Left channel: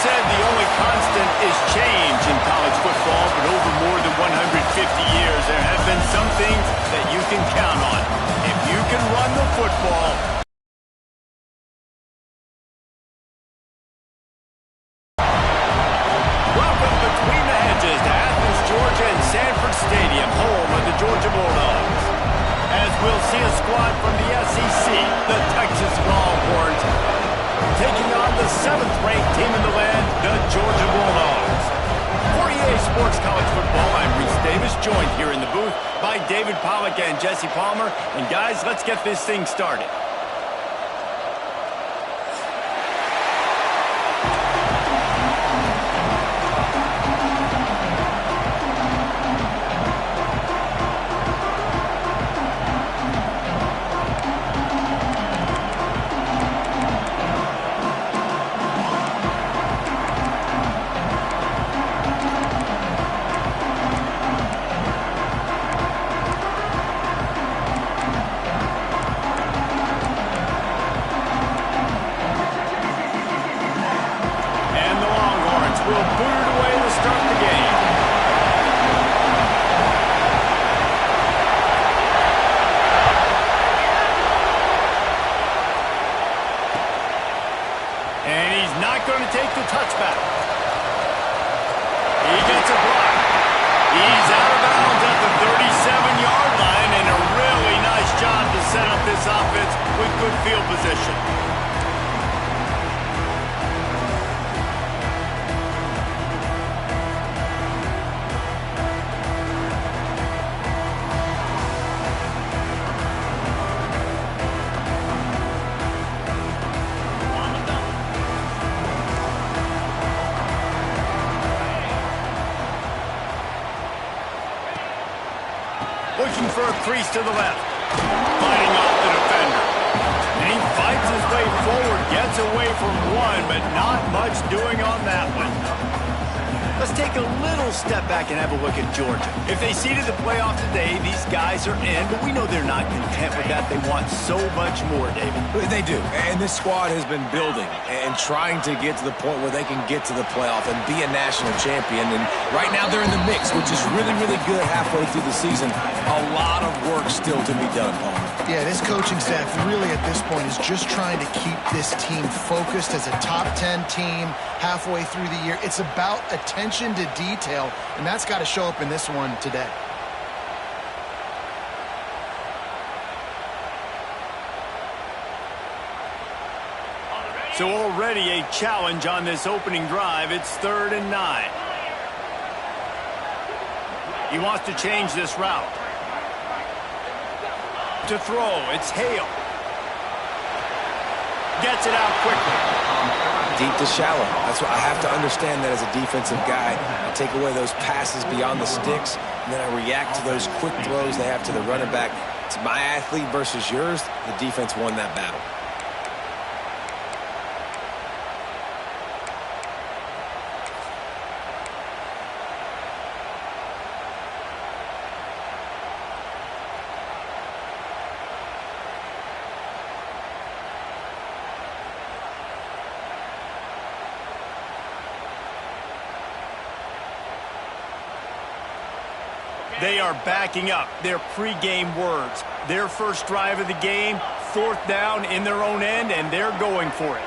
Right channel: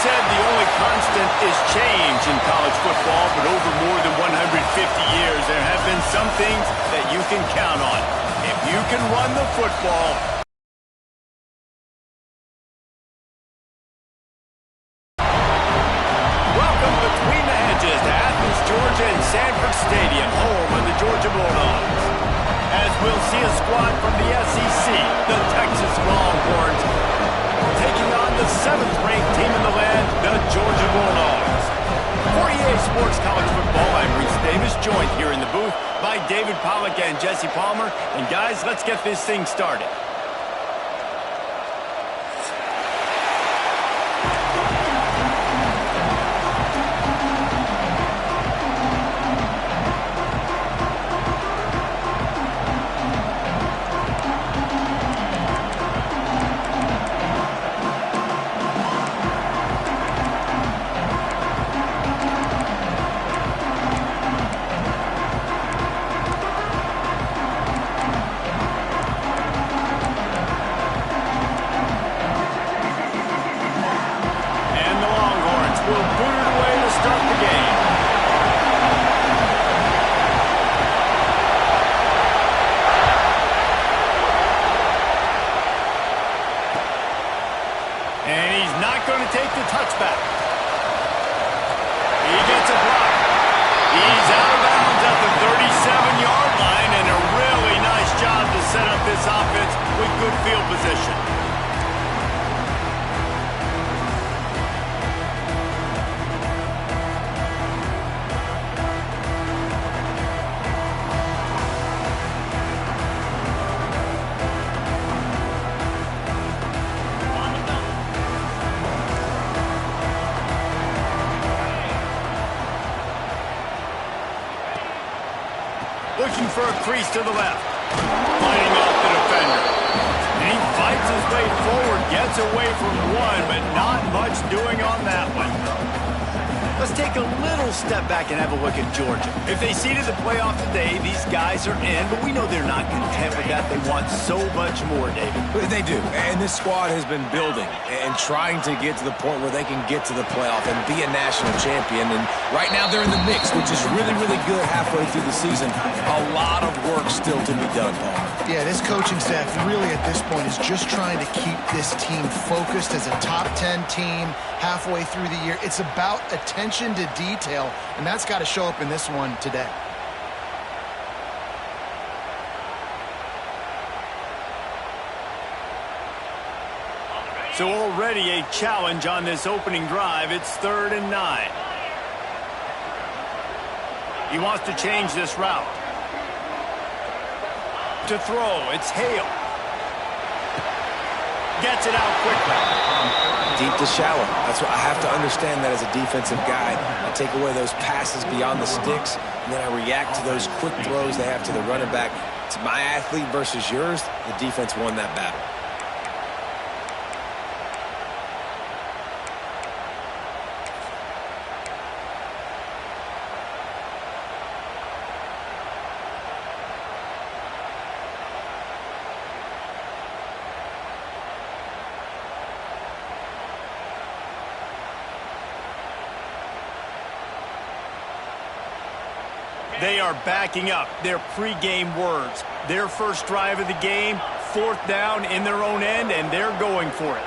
said the only constant is change in college football, but over more than 150 years, there have been some things that you can count on. If you can run the football, welcome between the hedges to Athens, Georgia and Sanford Stadium, home of the Georgia Bulldogs. As we'll see a squad from the SEC, the Texas Longhorns, taking on the 7th-ranked team in the land, the Georgia Bulldogs. For EA Sports College Football, I'm Reese Davis, joined here in the booth by David Pollack and Jesse Palmer. And guys, let's get this thing started. Will boot it away to start the game. And he's not going to take the touchback. He gets a block. He's out of bounds at the 37-yard line, and a really nice job to set up this offense with good field position. Looking for a crease to the left. Fighting off the defender. And he fights his way forward, gets away from one, but not much doing on that one. Let's take a little step back and have a look at Georgia. If they seeded the playoff today, these guys are in, but we know they're not content with that. They want so much more, David. They do, and this squad has been building and trying to get to the point where they can get to the playoff and be a national champion. And right now they're in the mix, which is really, really good halfway through the season. A lot of work still to be done, Paul. Yeah, this coaching staff really at this point is just trying to keep this team focused as a top 10 team halfway through the year. It's about attention to detail, and that's got to show up in this one today. So already a challenge on this opening drive. It's 3rd and 9. He wants to change this route. To throw, it's Hale. Gets it out quickly. Deep to shallow. That's what I have to understand that as a defensive guy. I take away those passes beyond the sticks, and then I react to those quick throws they have to the running back. It's my athlete versus yours. The defense won that battle. They are backing up their pregame words. Their first drive of the game, 4th down in their own end, and they're going for it.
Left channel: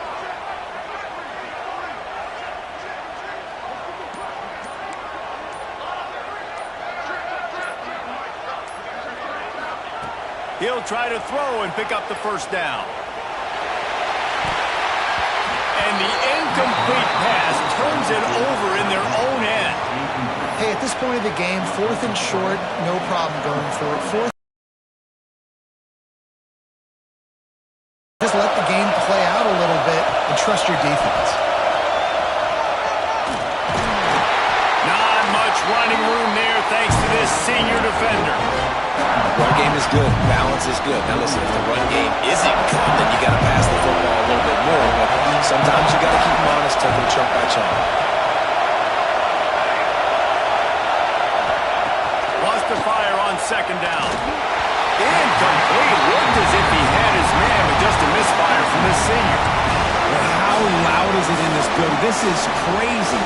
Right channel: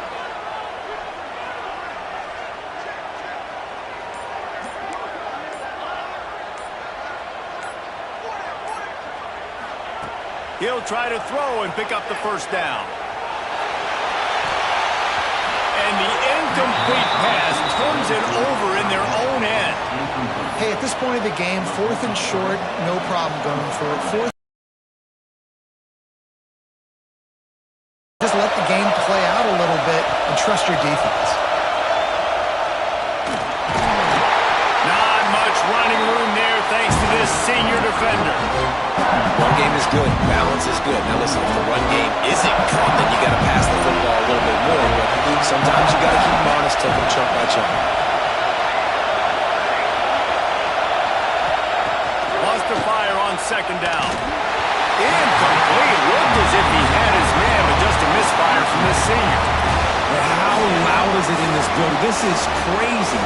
He'll try to throw and pick up the 1st down. And the incomplete pass turns it over in their own end. Hey, at this point of the game, 4th and short, no problem going for it. 4th. Just let the game play out a little bit and trust your defense. Not much running room there thanks to this senior defender. Run game is good. Balance is good. Now listen, if the run game isn't good, then you got to pass the football a little bit more. But sometimes you got to keep them honest, take them chunk by chunk. Wants to fire on 2nd down. Incomplete. Looked as if he had his man, but just a misfire from this senior. And how loud is it in this building? This is crazy.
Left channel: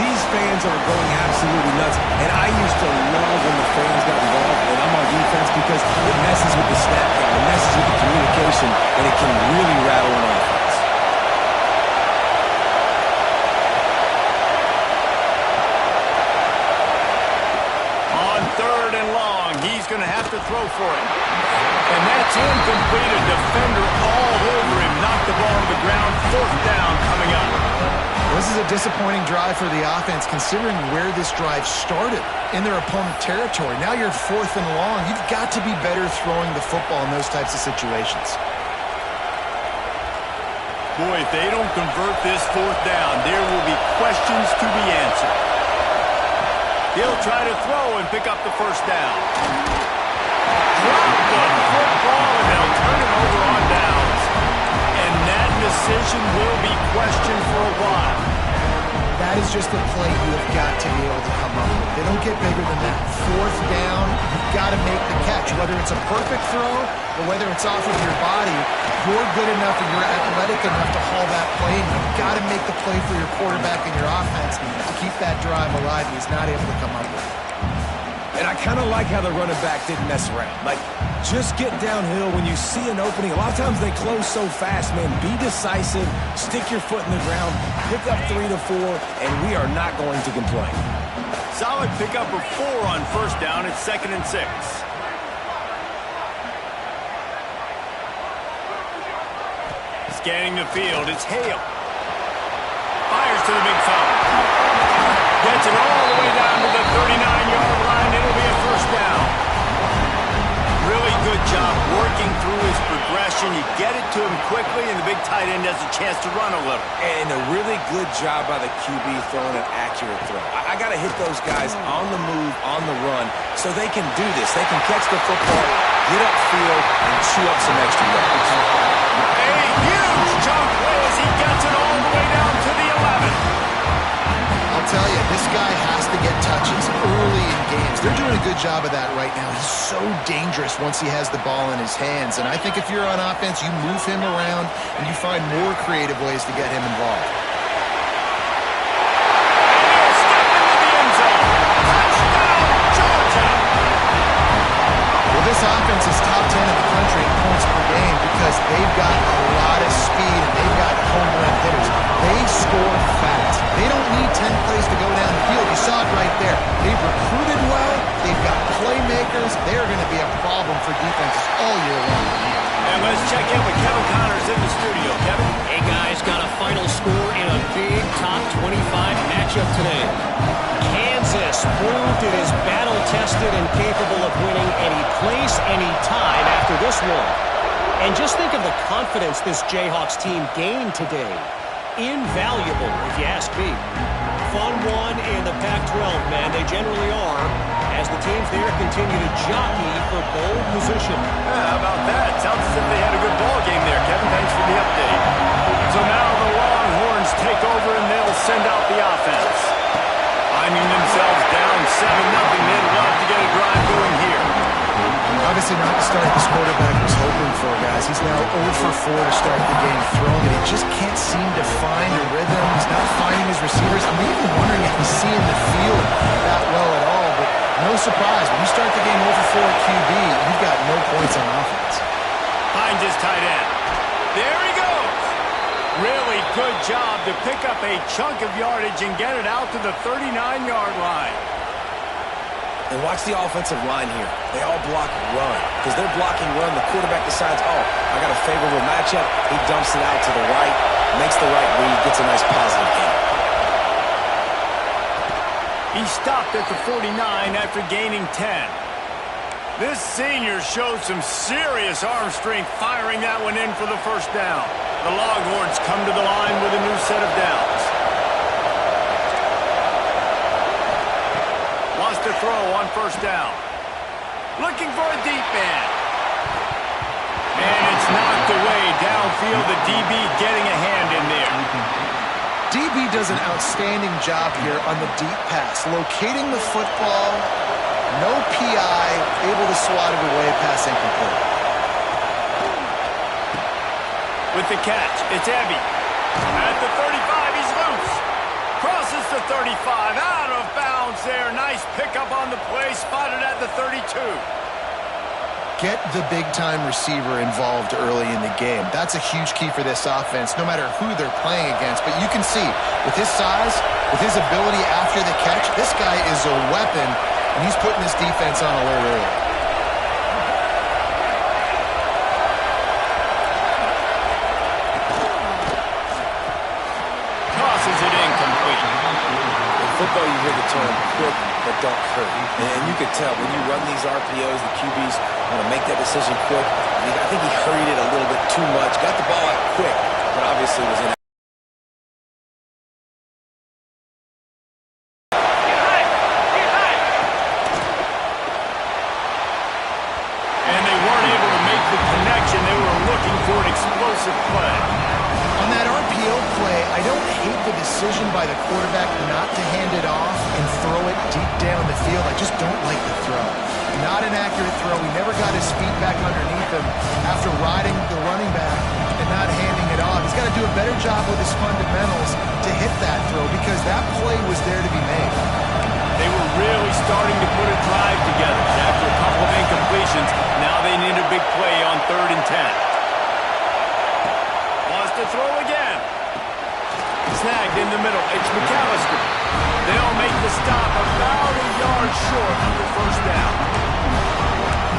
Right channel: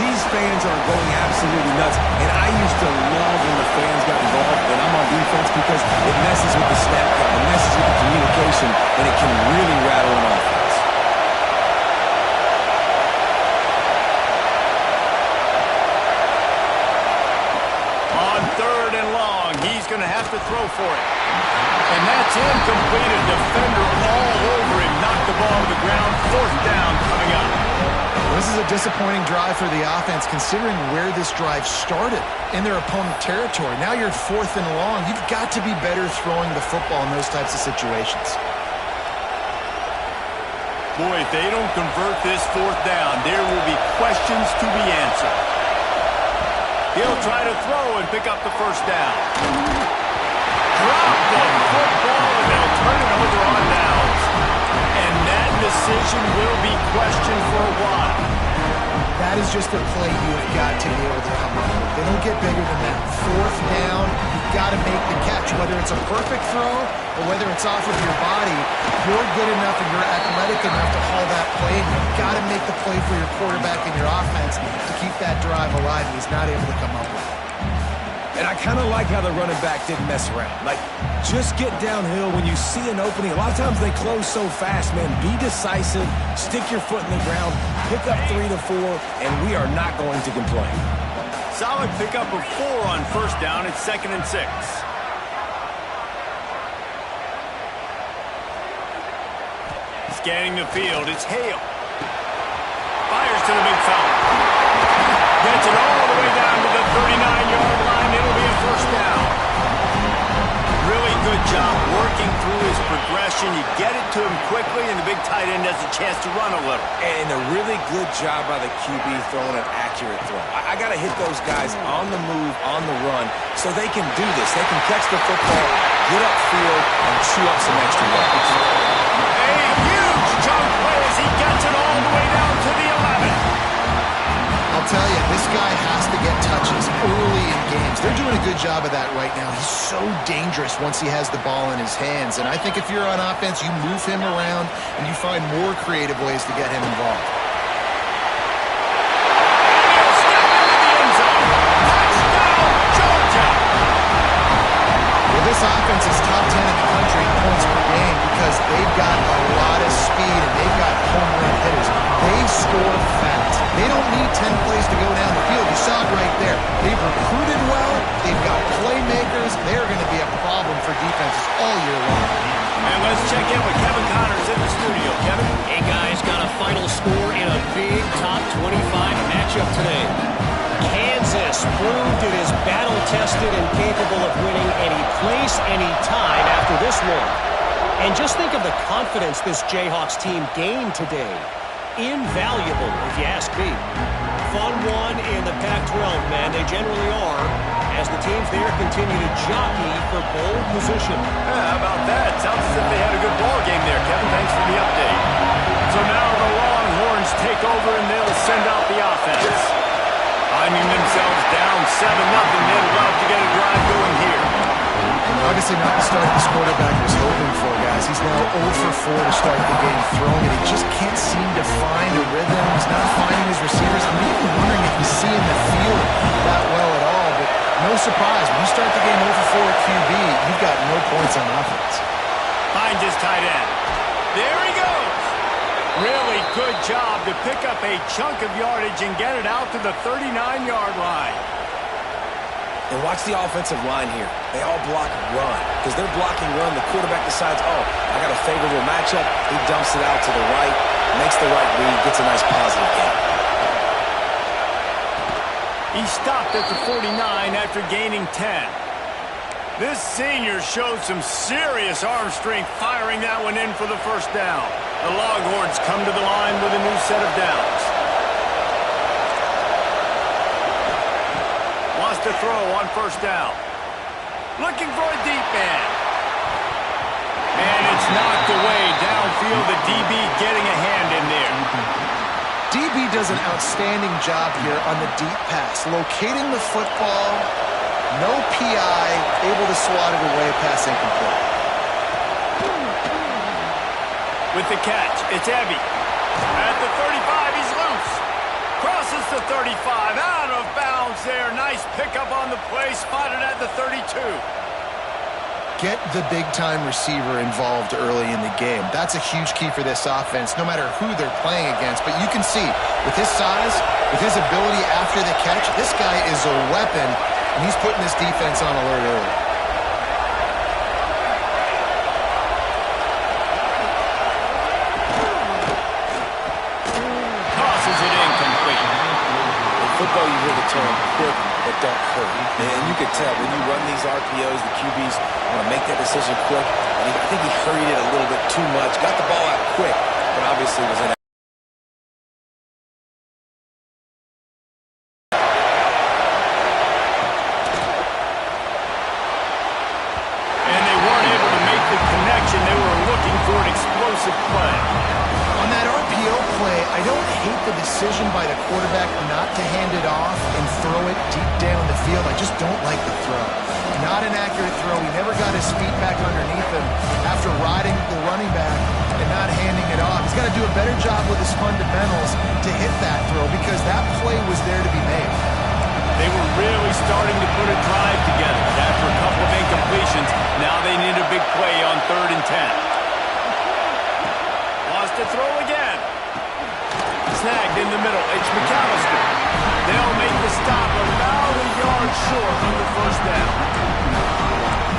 These fans are going absolutely nuts. And I used to love when the fans got involved and I'm on defense because it messes with the snap count, it messes with the communication, and it can really rattle an offense. On 3rd and long, he's going to have to throw for it. And that's incomplete. A defender all over him. Knocked the ball to the ground. 4th down coming up. Well, this is a disappointing drive for the offense considering where this drive started in their opponent territory. Now you're 4th and long. You've got to be better throwing the football in those types of situations. Boy, if they don't convert this 4th down, there will be questions to be answered. He'll try to throw and pick up the 1st down. Drop the football, and they'll turn it over on downs. And that decision will be questioned for a while. That is just a play you have got to be able to come up with. They don't get bigger than that. 4th down, you've got to make the catch. Whether it's a perfect throw or whether it's off of your body, you're good enough and you're athletic enough to haul that play, and you've got to make the play for your quarterback and your offense to keep that drive alive, and he's not able to come up with it. And I kind of like how the running back didn't mess around. Like, just get downhill when you see an opening. A lot of times they close so fast, man. Be decisive, stick your foot in the ground, pick up 3 to 4, and we are not going to complain. Solid pickup of 4 on 1st down. It's 2nd and 6. Scanning the field, it's Hale. Fires to the big fella. Gets it all the way down to the 39-yard line. It'll be a 1st down. Really good job working through his progression. You get it to him quickly, and the big tight end has a chance to run a little. And a really good job by the QB throwing an accurate throw. I got to hit those guys on the move, on the run, so they can do this. They can catch the football, get upfield, and chew up some extra yards. A huge chunk play as he gets it all the way down to the 11. I'll tell you, this guy has to get touches early in games. They're doing a good job of that right now. He's so dangerous once he has the ball in his hands. And I think if you're on offense, you move him around and you find more creative ways to get him involved. And he'll step into the end zone. Touchdown, Georgia! Well, this offense is top 10 in the country in points per game because they've got a lot of speed and they've got home run hitters. They score fast. They don't need 10 plays to go down the field. You saw it right there. They've recruited well. They've got playmakers. They're going to be a problem for defenses all year long. And let's check in with Kevin Connors in the studio. Kevin? Hey, guys, got a final score in a big top 25 matchup today. Kansas proved it is battle-tested and capable of winning any place, any time after this one. And just think of the confidence this Jayhawks team gained today. Invaluable, if you ask me. Fun one in the Pac-12, man. They generally are, as the teams there continue to jockey for bowl position. How about that? Sounds as if they had a good ball game there, Kevin. Thanks for the update. So now the Longhorns take over and they'll send out the offense. Finding themselves down 7-0, they'd love to get a drive going here. Obviously not the start this quarterback was hoping for, guys. He's now 0 for 4 to start the game throwing it. He just can't seem to find a rhythm. He's not finding his receivers. I'm even wondering if he's seeing the field that well at all. But no surprise, when you start the game 0 for 4 at QB, you've got no points on offense. Finds his tight end. There he goes. Really good job to pick up a chunk of yardage and get it out to the 39-yard line. And watch the offensive line here. They all block run. Because they're blocking run, the quarterback decides, oh, I got a favorable matchup. He dumps it out to the right, makes the right read, gets a nice positive gain. He stopped at the 49 after gaining 10. This senior showed some serious arm strength firing that one in for the 1st down. The Longhorns come to the line with a new set of downs. Wants to throw on 1st down. Looking for a deep man. And it's knocked away downfield. The DB getting a hand in there. DB does an outstanding job here on the deep pass. Locating the football, no PI, able to swat it away, pass incomplete. With the catch, it's Ebby. At the 35, he's loose. Crosses the 35, out of bounds there. Nice pickup on the play, spotted at the 32. Get the big-time receiver involved early in the game. That's a huge key for this offense, no matter who they're playing against. But you can see, with his size, with his ability after the catch, this guy is a weapon, and he's putting this defense on alert early. Tosses it incomplete. In football, you hear the term quick but don't hurry. And you can tell when you run these RPOs, the QBs want to make that decision quick. And I think he hurried it a little bit too much. Got the ball out quick, but obviously was in. And they weren't able to make the connection. They were looking for an explosive play. On that RPO play, I don't hate the decision by the quarterback not to hand it off and throw it deep down the field. I just don't like the throw. Not an accurate throw. He never got his feet back underneath him after riding the running back and not handing it off. He's got to do a better job with his fundamentals to hit that throw because that play was there to be made. They were really starting to put a drive together. After a couple of incompletions, now they need a big play on 3rd and 10. Wants to throw again. Snagged in the middle. It's McAllister. They'll make the stop about a yard short of the first down.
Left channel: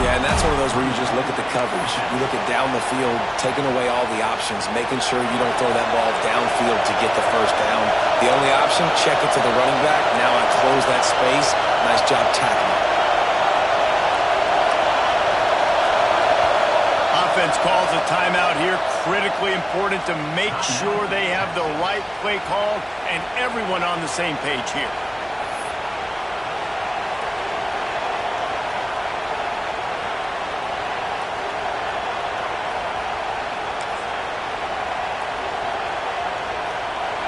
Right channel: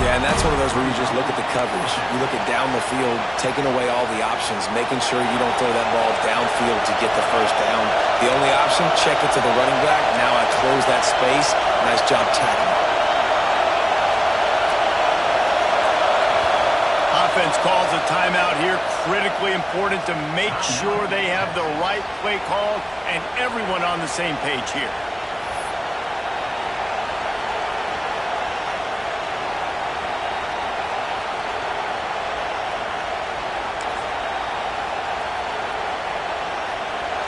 Yeah, and that's one of those where you just look at the coverage. You look at down the field, taking away all the options, making sure you don't throw that ball downfield to get the first down. The only option, check it to the running back. Now I close that space. Nice job tackling. Offense calls a timeout here. Critically important to make sure they have the right play called and everyone on the same page here.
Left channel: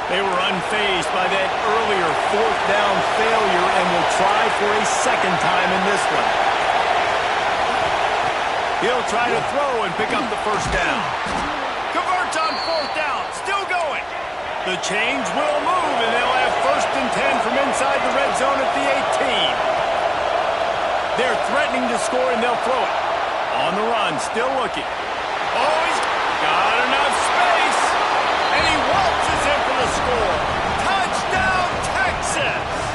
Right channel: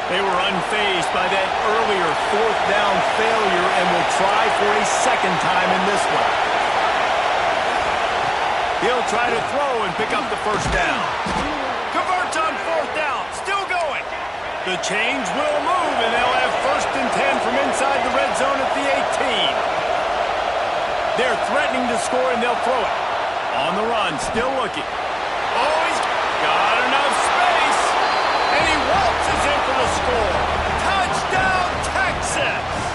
They were unfazed by that earlier 4th down failure and will try for a second time in this one. He'll try to throw and pick up the first down. Converts on 4th down. Still going. The change will move, and they'll have 1st and 10 from inside the red zone at the 18. They're threatening to score, and they'll throw it. On the run, still looking. Oh, he's got enough space. And he waltzes in for the score. Touchdown, Texas!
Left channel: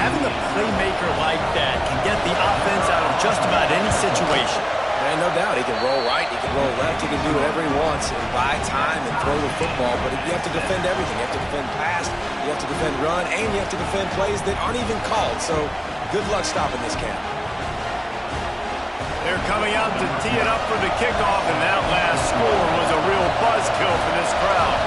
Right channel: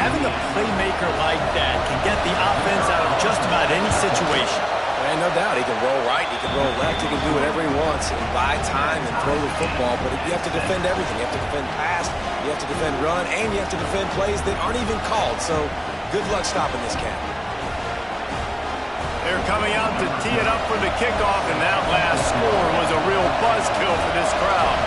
Having a playmaker like that can get the offense out of just about any situation. And no doubt, he can roll right, he can roll left, he can do whatever he wants and buy time and throw the football, but you have to defend everything. You have to defend pass, you have to defend run, and you have to defend plays that aren't even called. So good luck stopping this cat. They're coming out to tee it up for the kickoff, and that last score was a real buzzkill for this crowd.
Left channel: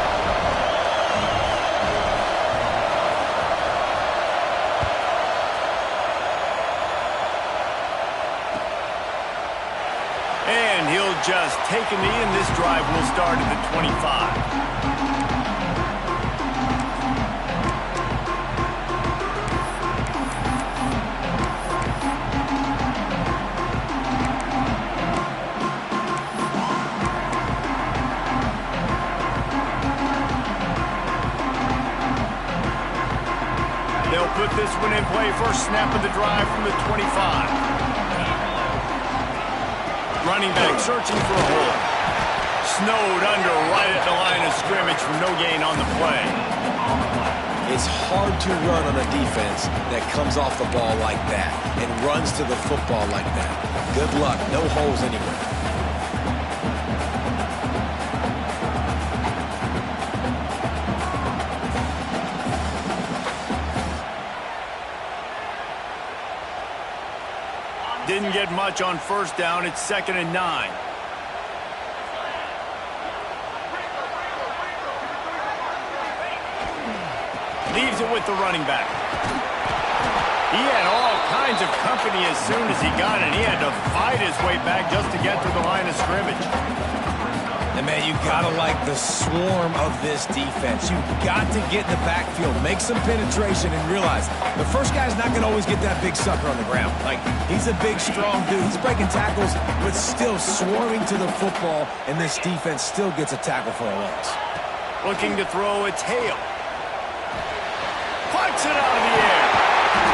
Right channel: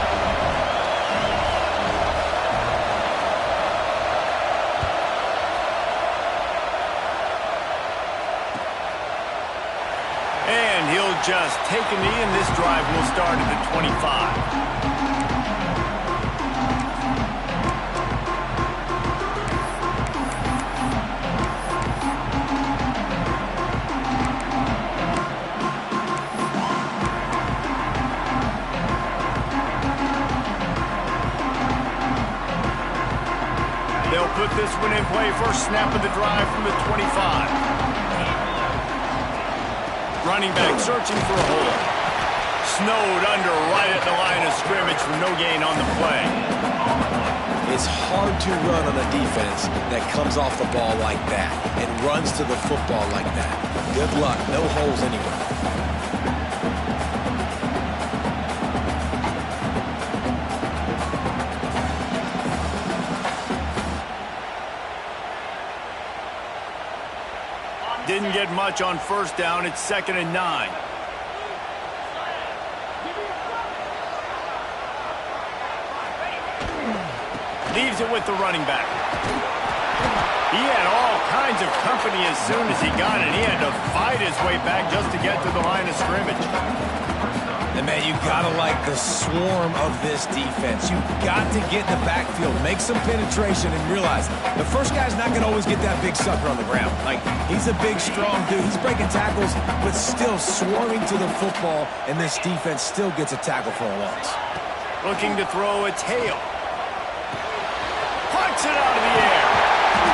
And he'll just take a knee, and this drive will start at the 25. They'll put this one in play. First snap of the drive from the 25. Running back searching for a hole. Snowed under right at the line of scrimmage for no gain on the play. It's hard to run on a defense that comes off the ball like that and runs to the football like that. Good luck. No holes anywhere. Didn't get much on first down. It's 2nd and 9. Leaves it with the running back. He had all kinds of company as soon as he got it. He had to fight his way back just to get to the line of scrimmage. And, man, you got to like the swarm of this defense. You've got to get in the backfield, make some penetration, and realize the first guy's not going to always get that big sucker on the ground. Like, he's a big, strong dude. He's breaking tackles, but still swarming to the football, and this defense still gets a tackle for a loss. Looking to throw a tail. Plucks it out of the air.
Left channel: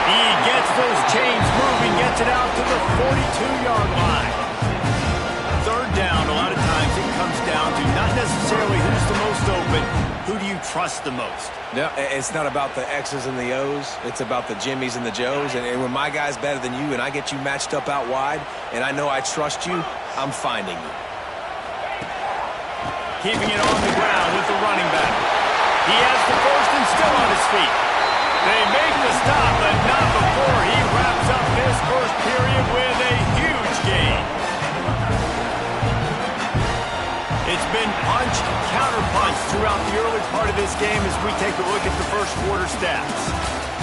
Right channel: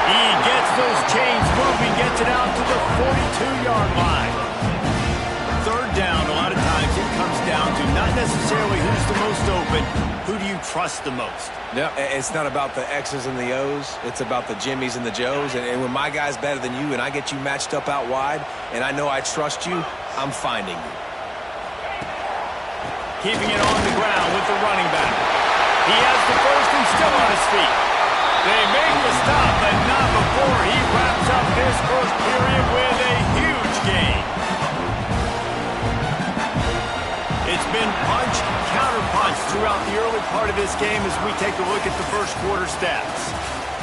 He gets those chains moving, gets it out to the 42-yard line. Third down, a lot of times it comes down to not necessarily who's the most open, who do you trust the most? No, it's not about the X's and the O's. It's about the Jimmies and the Joes. And when my guy's better than you and I get you matched up out wide and I know I trust you, I'm finding you. Keeping it on the ground with the running back. He has the first and still on his feet. They make the stop, but not before he wraps up this first period with a huge gain. It's been punch, counter-punch throughout the early part of this game as we take a look at the first quarter stats.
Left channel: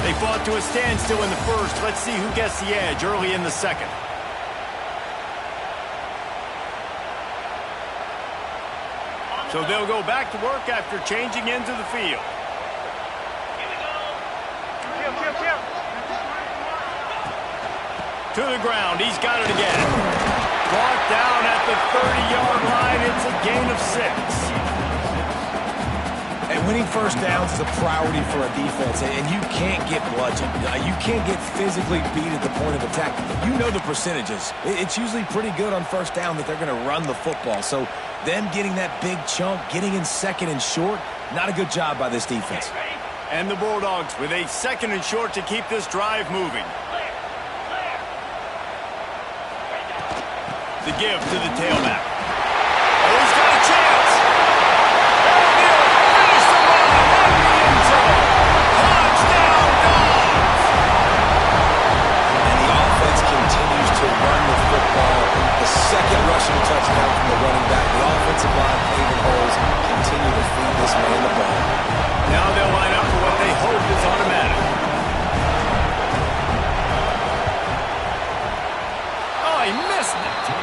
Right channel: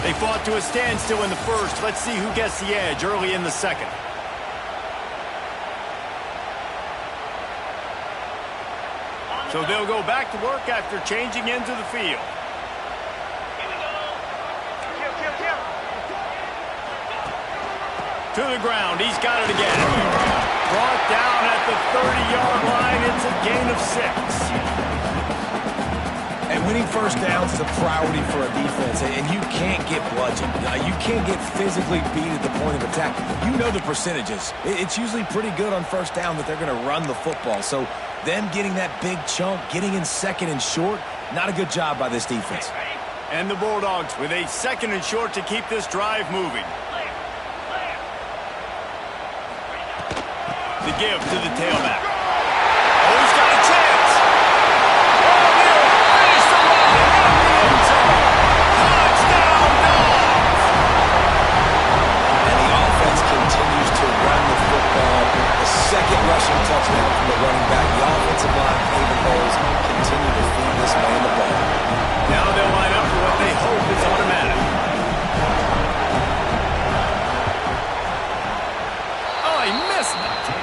They fought to a standstill in the first. Let's see who gets the edge early in the second. So they'll go back to work after changing into the field. Here we go. Kill. To the ground. He's got it again. Brought down at the 30-yard line. It's a gain of 6. And winning first downs is a priority for a defense, and you can't get bludgeoned. You can't get physically beat at the point of attack. You know the percentages. It's usually pretty good on first down that they're going to run the football. So them getting that big chunk, getting in second and short, not a good job by this defense. And the Bulldogs with a second and short to keep this drive moving. The give to the tailback. Oh, he's got a chance. And he'll finish the run in the end zone. Touchdown, Dogs! And the offense continues to run the football. The second rushing touchdown from the running back. The offensive line paving holes continue to feed this man the ball. Now they'll line up for what they hope is automatic. Oh, he missed it.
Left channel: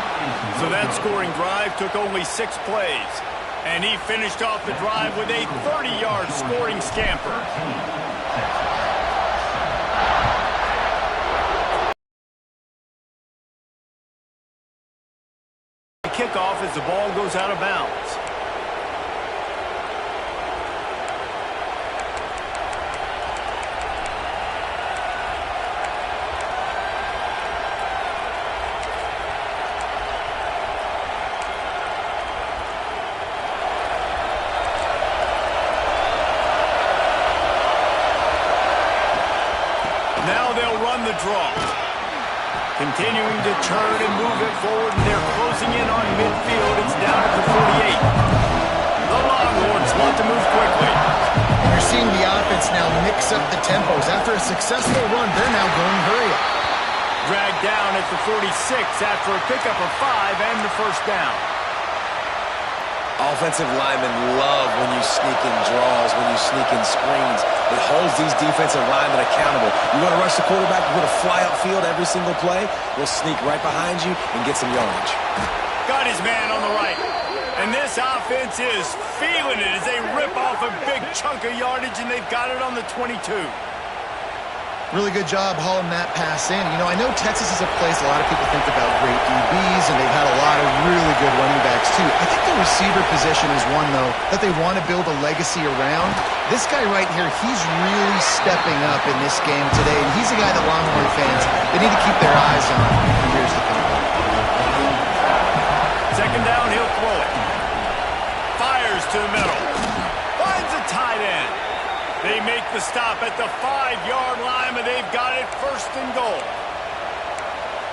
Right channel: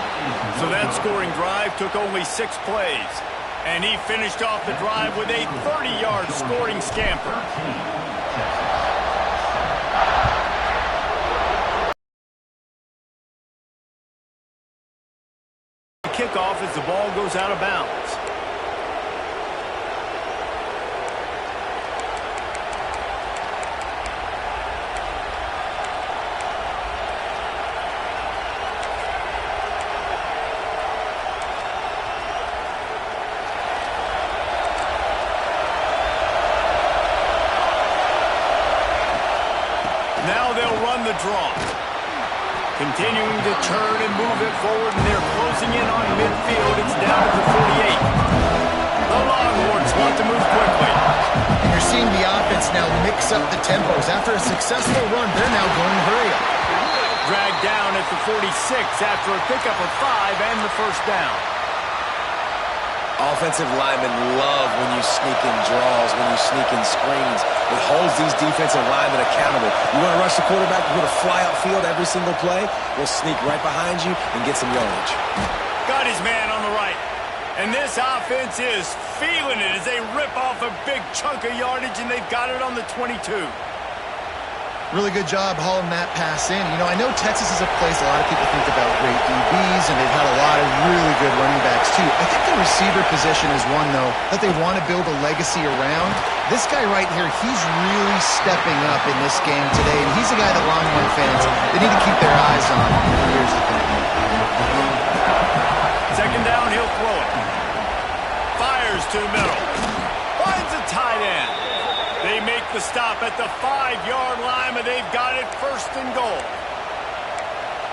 So that scoring drive took only 6 plays. And he finished off the drive with a 30-yard scoring scamper. Kickoff as the ball goes out of bounds. Now they'll run the draw. Continuing to turn and move it forward, and they're closing in on midfield. It's down at the 48. The Longhorns want to move quickly. And you're seeing the offense now mix up the tempos. After a successful run, they're now going hurry up. Dragged down at the 46 after a pickup of 5 and the first down. Offensive linemen love when you sneak in draws, when you sneak in screens. It holds these defensive linemen accountable. You want to rush the quarterback, you want to fly upfield every single play, we'll sneak right behind you and get some yardage. Got his man on the right. And this offense is feeling it as they rip off a big chunk of yardage, and they've got it on the 22. Really good job hauling that pass in. You know, I know Texas is a place a lot of people think about great DBs, and they've had a lot of really good running backs, too. I think the receiver position is one, though, that they want to build a legacy around. This guy right here, he's really stepping up in this game today, and he's a guy that Longhorn fans, they need to keep their eyes on for years to come. Second down, he'll throw it. Fires to the middle. Finds a tight end. They make the stop at the 5-yard line, but they've got it first and goal.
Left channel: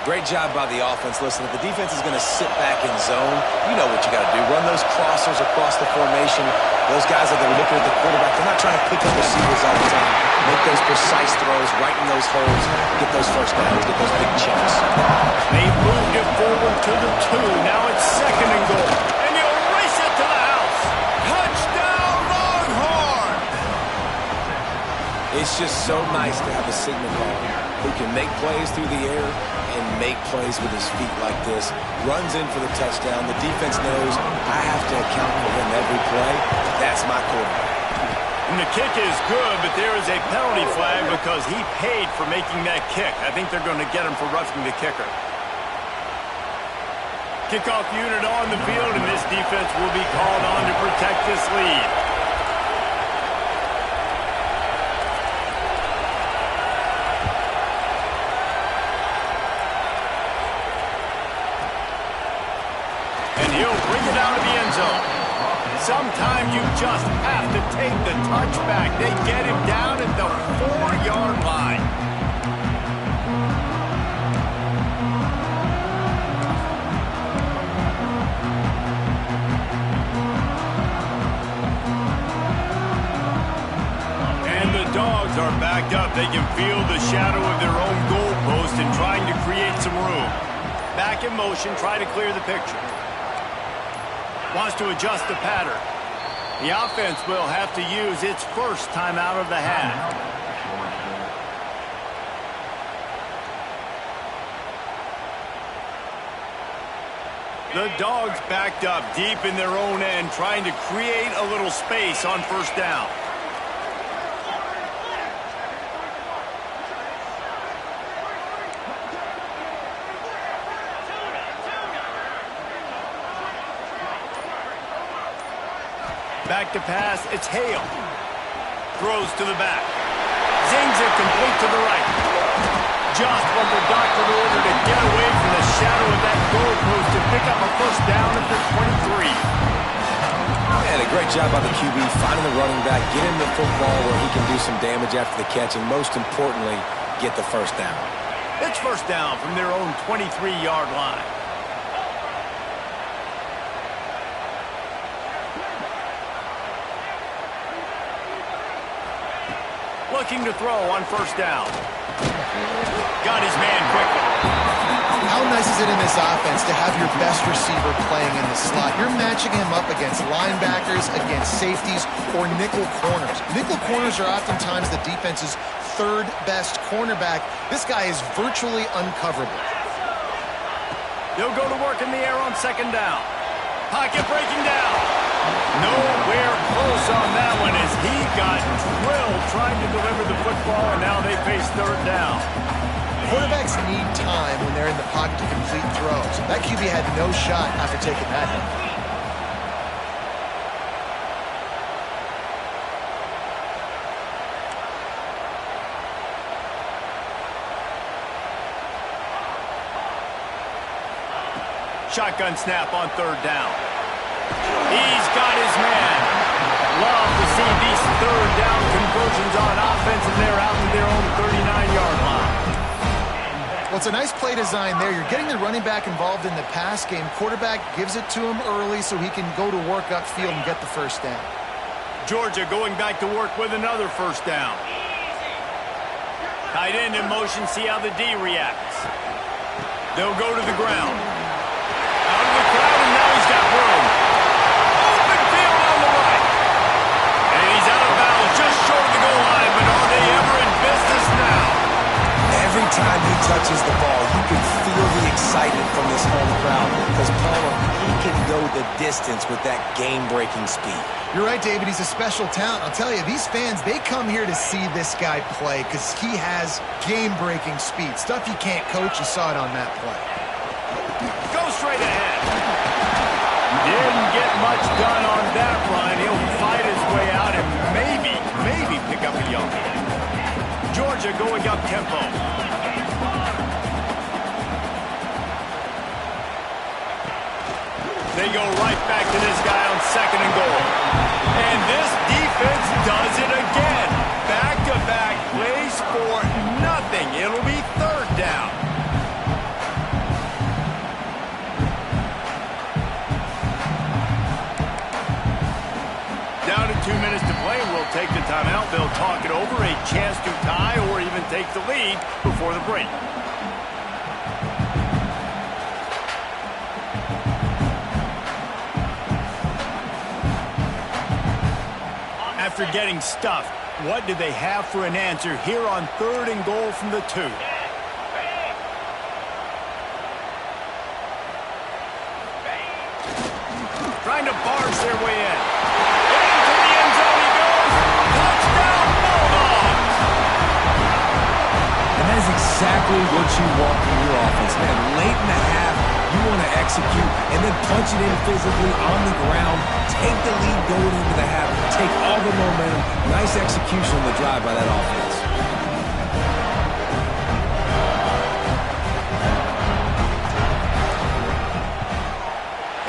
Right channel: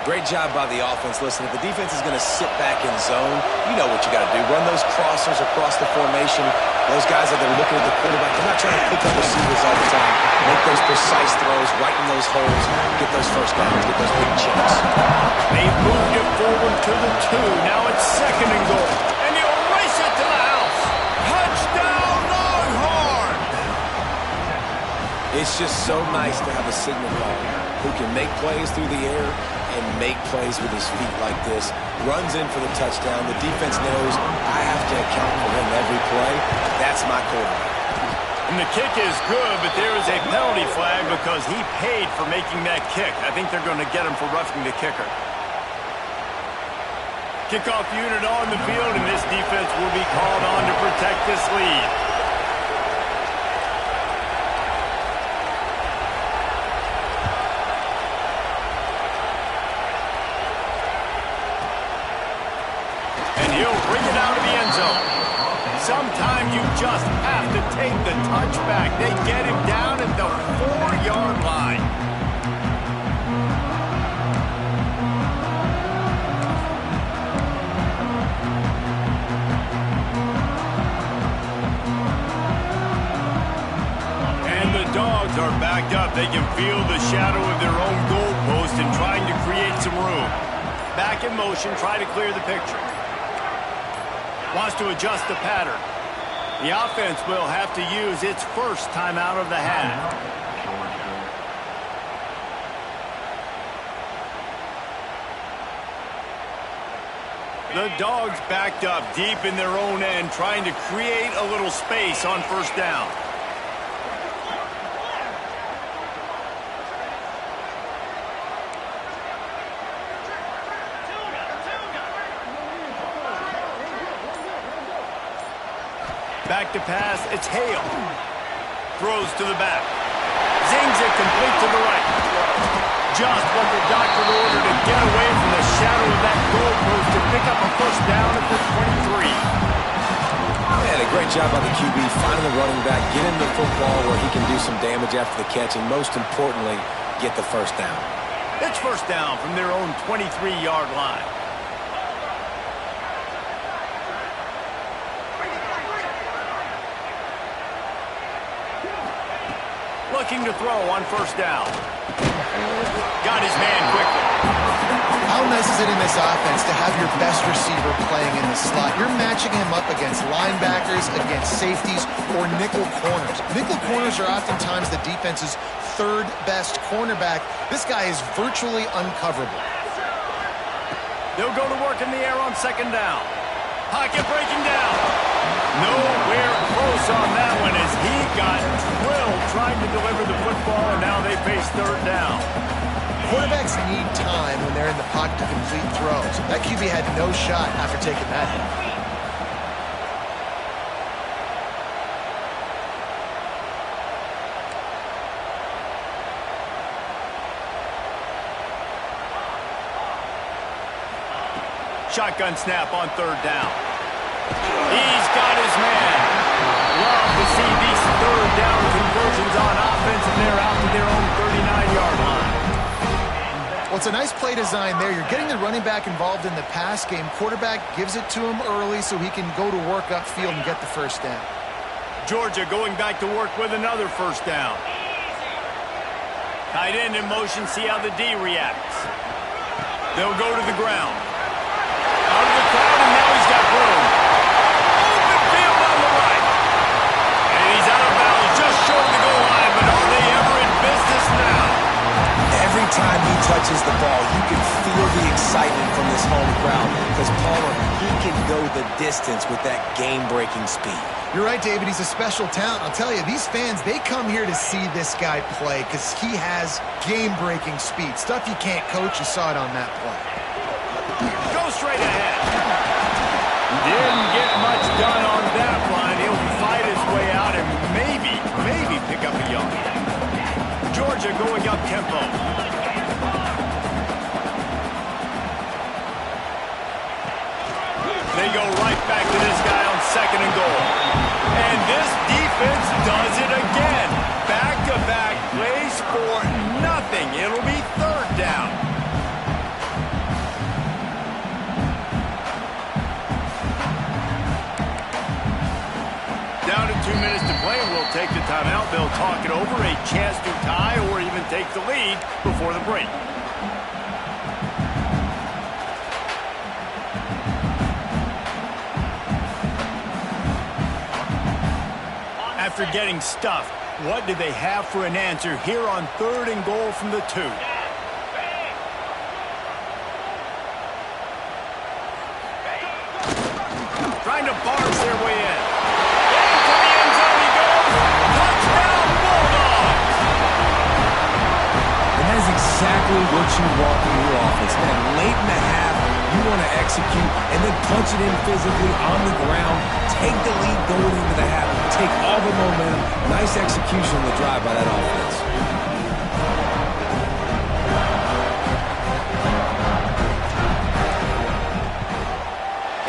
Great job by the offense. Listen, if the defense is going to sit back in zone, you know what you got to do. Run those crossers across the formation. Those guys that are looking at the quarterback, they're not trying to pick up receivers all the time. Make those precise throws, right in those holes, get those first downs, get those big chunks. They've moved it forward to the 2. Now it's second and goal. And he'll race it to the house. Touchdown, Longhorns! It's just so nice to have a signal caller who can make plays through the air and make plays with his feet like this. Runs in for the touchdown. The defense knows I have to account for him every play. That's my quarterback. And the kick is good, but there is a penalty flag because he paid for making that kick. I think they're going to get him for roughing the kicker. Kickoff unit on the field, and this defense will be called on to protect this lead. And he'll bring it out of the end zone. Sometimes you just have to take the touchback. They get him down at the 4-yard line. And the Dogs are backed up. They can feel the shadow of their own goalpost and trying to create some room. Back in motion, try to clear the picture. Wants to adjust the pattern. The offense will have to use its first time out of the half. The Dogs backed up deep in their own end, trying to create a little space on first down. Back to pass, it's Hale. Throws to the back. Zings it complete to the right. Just what the doctor ordered to get away from the shadow of that goalpost to pick up a first down at the 23. And a great job by the QB finding the running back, getting the football where he can do some damage after the catch, and most importantly, get the first down. It's first down from their own 23-yard line. Looking to throw on first down. Got his man quickly. How nice is it in this offense to have your best receiver playing in the slot? You're matching him up against linebackers, against safeties, or nickel corners. Nickel corners are oftentimes the defense's third best cornerback. This guy is virtually uncoverable. They'll go to work in the air on second down. Pocket breaking down. Nowhere close on that one as he got drilled trying to deliver the football, and now they face third down. Quarterbacks need time when they're in the pocket to complete throws. That QB had no shot after taking that hit. Shotgun snap on third down. He's got his man. Love to see these third down conversions on offense, and they're out to their own 39-yard line. Well, it's a nice play design there. You're getting the running back involved in the pass game. Quarterback gives it to him early so he can go to work upfield and get the first down. Georgia going back to work with another first down. Tight end in motion, see how the D reacts. They'll go to the ground. Out of the crowd, and now he's got room. Open field on the right. And he's out of bounds just short of the goal line, but are they ever in business now? Every time he touches the ball, you can feel the excitement from this home crowd because Palmer, he can go the distance with that game-breaking speed. You're right, David. He's a special talent. I'll tell you, these fans, they come here to see this guy play because he has game-breaking speed. Stuff you can't coach. You saw it on that play. Go straight ahead. Didn't get much done on that run. He'll fight his way out and maybe pick up a yard. Georgia going up tempo. They go right back to this guy on second and goal. And this defense does it again. Back-to-back plays for nothing. It'll be third down. Down to 2 minutes to play, and we'll take the timeout. They'll talk it over, a chance to tie or even take the lead before the break. After getting stuffed, What do they have for an answer here on 3rd and goal from the 2? Trying to barge their way in. Into the end zone he goes. Touchdown, Bulldogs! And that is exactly what you want from your offense, man. Late in the half, you want to execute and then punch it in physically on the ground. Take the lead going into the half. Take all the momentum. Nice execution on the drive by that offense.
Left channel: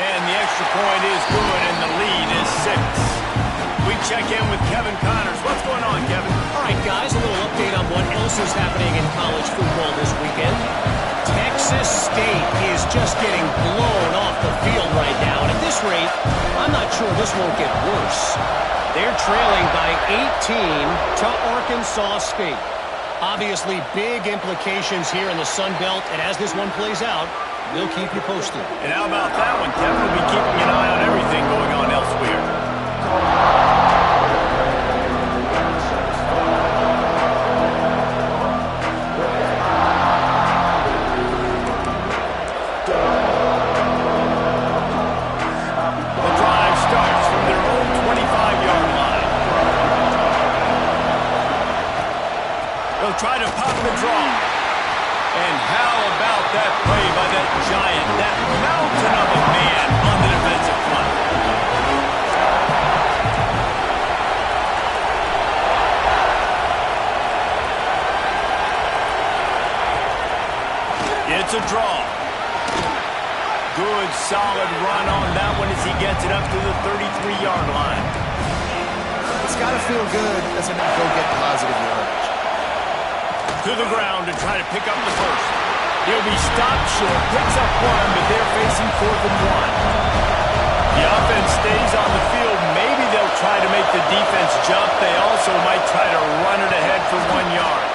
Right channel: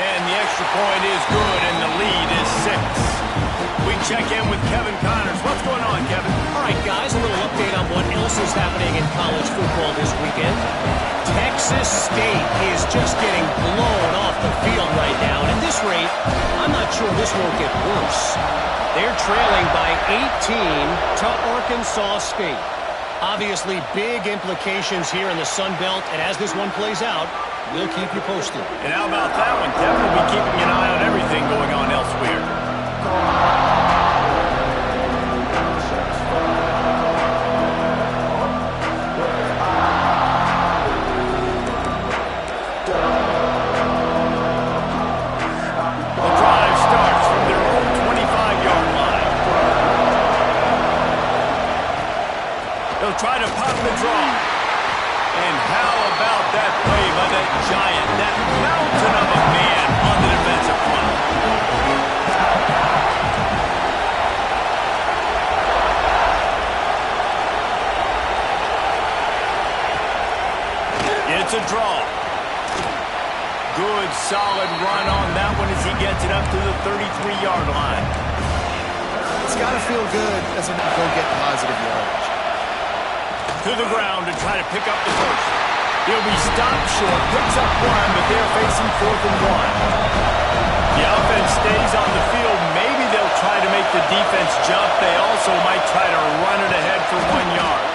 And the extra point is good, and the lead is 6. We check in with Kevin Connors. What's going on, Kevin? All right, guys, a little update on what else is happening in college football this weekend. Texas State is just getting blown off the field right now. And at this rate, I'm not sure this won't get worse. They're trailing by 18 to Arkansas State. Obviously, big implications here in the Sun Belt. And as this one plays out, we'll keep you posted. And how about that one, Kevin? We'll be keeping an eye on everything going on elsewhere. The drive starts from their own 25-yard line. They'll try to pop the draw. And how about that play by that giant, that mountain of a man on the defensive front? It's a draw. Good, solid run on that one as he gets it up to the 33-yard line. It's got to feel good as a go get positive yardage. To the ground to try to pick up the first. He'll be stopped short, picks up 1, but they're facing 4th and 1. The offense stays on the field. Maybe they'll try to make the defense jump. They also might try to run it ahead for 1 yard.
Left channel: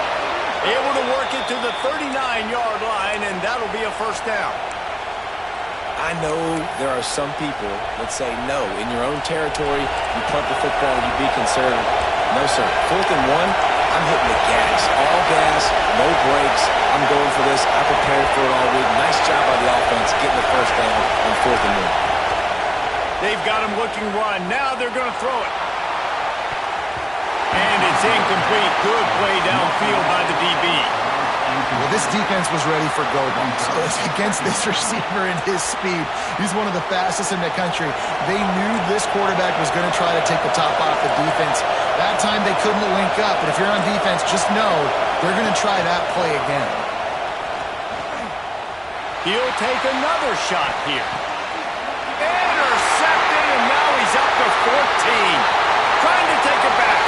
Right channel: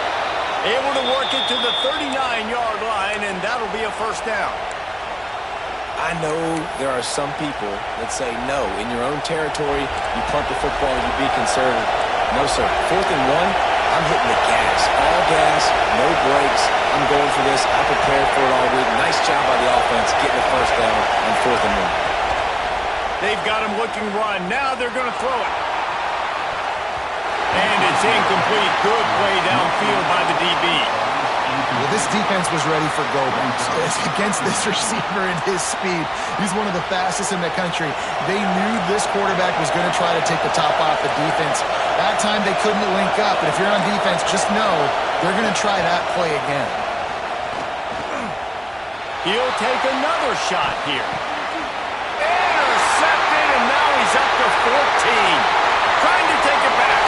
Able to work it to the 39-yard line, and that'll be a first down. I know there are some people that say, no, in your own territory, you punt the football, you be conservative. No, sir. 4th and 1, I'm hitting the gas. All gas, no brakes. I'm going for this. I prepared for it all week. Nice job by the offense getting the first down on 4th and 1. They've got him looking run. Now they're going to throw it. And it's incomplete. Good play downfield by the DB. Well, this defense was ready for go-bumps. Against this receiver and his speed, he's one of the fastest in the country. They knew this quarterback was going to try to take the top off the defense. That time they couldn't link up, but if you're on defense, just know they're going to try that play again. He'll take another shot here. Intercepted, and now he's up to 14. Trying to take it back.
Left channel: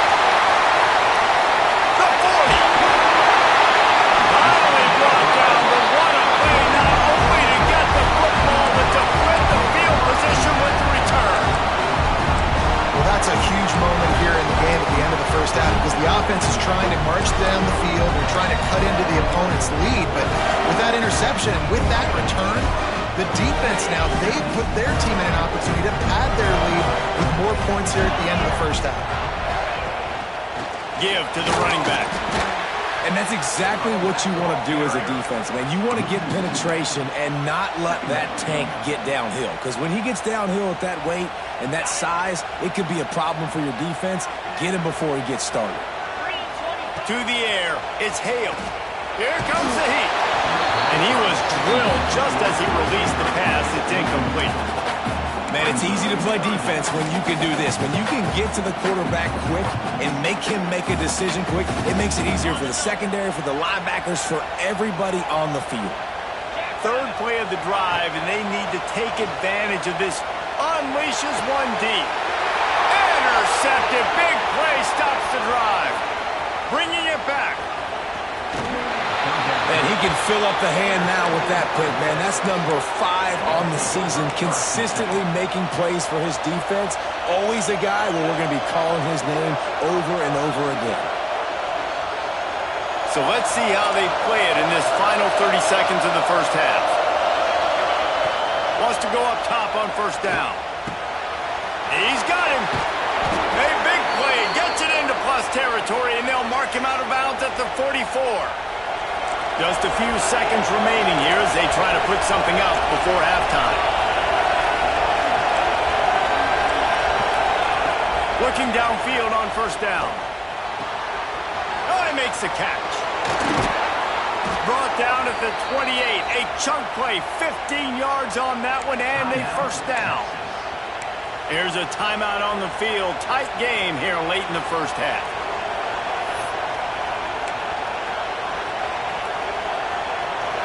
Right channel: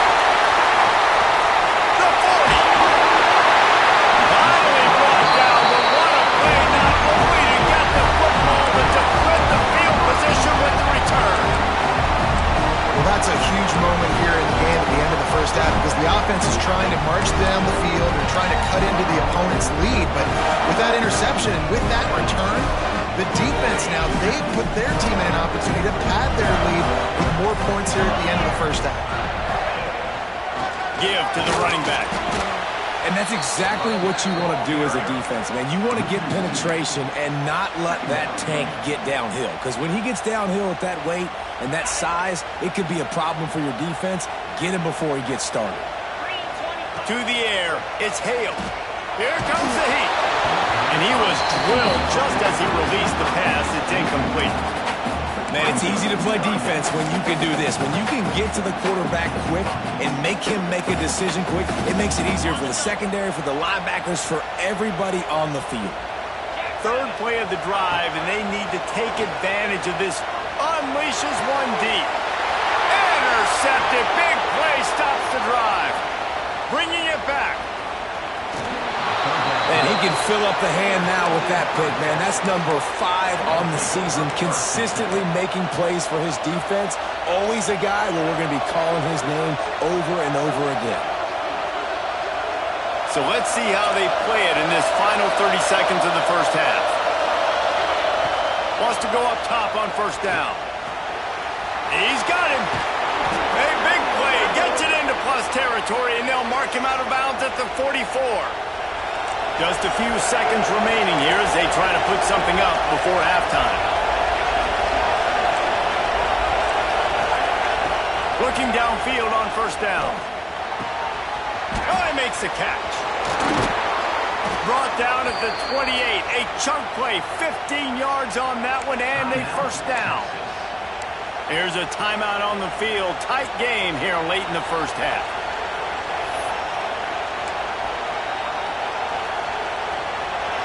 The 40. Finally brought down, but what a play, not only to get the football, but to flip the field position with the return. Well, that's a huge moment here in the game at the end of the first half because the offense is trying to march down the field. They're trying to cut into the opponent's lead, but with that interception and with that return, the defense now, they've put their team in an opportunity to pad their lead with more points here at the end of the first half. Give to the running back. And that's exactly what you want to do as a defense, man. You want to get penetration and not let that tank get downhill. Because when he gets downhill at that weight and that size, it could be a problem for your defense. Get him before he gets started. To the air, it's Hale. Here comes the heat. And he was drilled just as he released the pass. It's incomplete. Man, it's easy to play defense when you can do this. When you can get to the quarterback quick and make him make a decision quick, it makes it easier for the secondary, for the linebackers, for everybody on the field. Third play of the drive, and they need to take advantage of this. Unleashes one deep. Intercepted. Big play stops the drive. Bringing it back. And he can fill up the hand now with that pick, man. That's number 5 on the season, consistently making plays for his defense. Always a guy where we're going to be calling his name over and over again. So let's see how they play it in this final 30 seconds of the first half. Wants to go up top on first down. He's got him. A big play. Gets it into plus territory, and they'll mark him out of bounds at the 44. Just a few seconds remaining here as they try to put something up before halftime. Looking downfield on first down. Oh, he makes the catch. Brought down at the 28. A chunk play, 15 yards on that one, and a first down. Here's a timeout on the field. Tight game here late in the first half.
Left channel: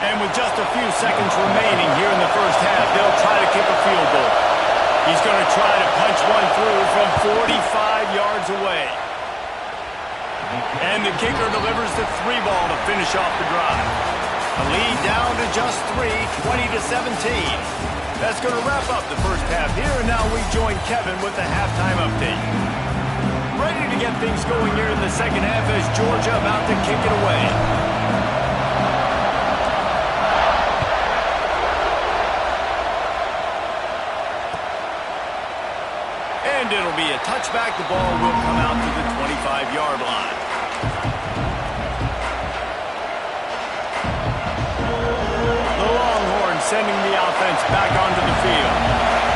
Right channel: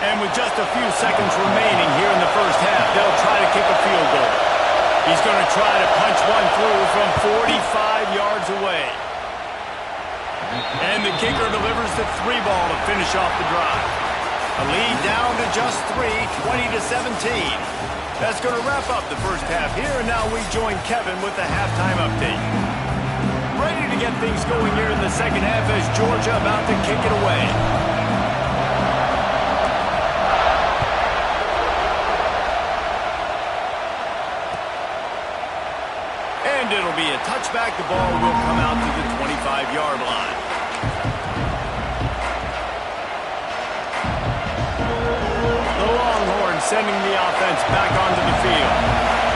And with just a few seconds remaining here in the first half, they'll try to kick a field goal. He's going to try to punch one through from 45 yards away. And the kicker delivers the 3 ball to finish off the drive. A lead down to just 3, 20-17. That's going to wrap up the first half here, and now we join Kevin with the halftime update. Ready to get things going here in the second half as Georgia about to kick it away. And it'll be a touchback. The ball will come out to the 25-yard line. The Longhorns sending the offense back onto the field.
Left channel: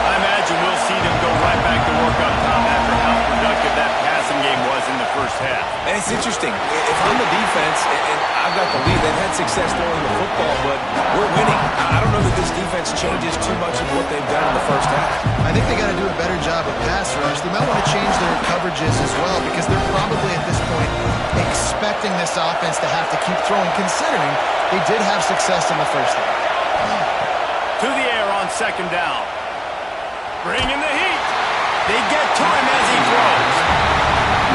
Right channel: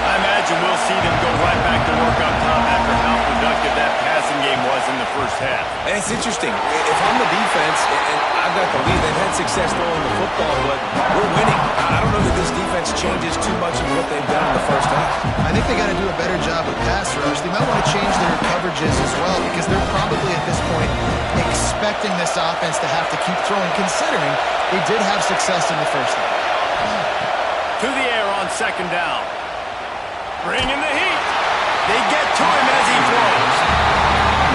I imagine we'll see them go right back to work up top after how productive that passing game was in the first half. And it's interesting. If I'm the defense and I've got the lead, they've had success throwing the football, but we're winning. I don't know that this defense changes too much of what they've done in the first half. I think they got to do a better job of pass rush. They might want to change their coverages as well because they're probably at this point expecting this offense to have to keep throwing, considering they did have success in the first half. To the air on second down. Bringing the heat. They get to him as he throws.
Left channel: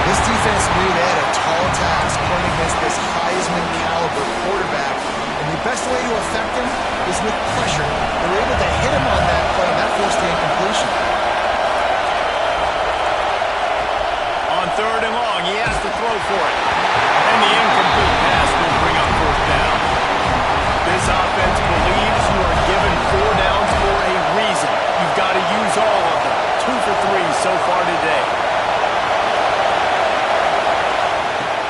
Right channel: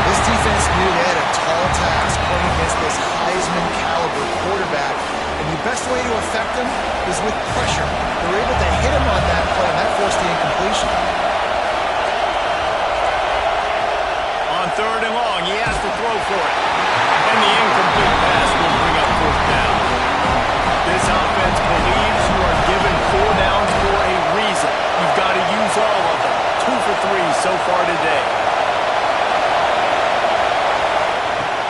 This defense knew they had a tall task playing against this Heisman caliber quarterback, and the best way to affect him is with pressure. They were able to hit him on that play, and that forced the incompletion. On third and long, he has to throw for it. And the incomplete pass will bring up fourth down. This offense believes you are given 4 downs for a reason. You've got to use all of them. 2 for 3 so far today.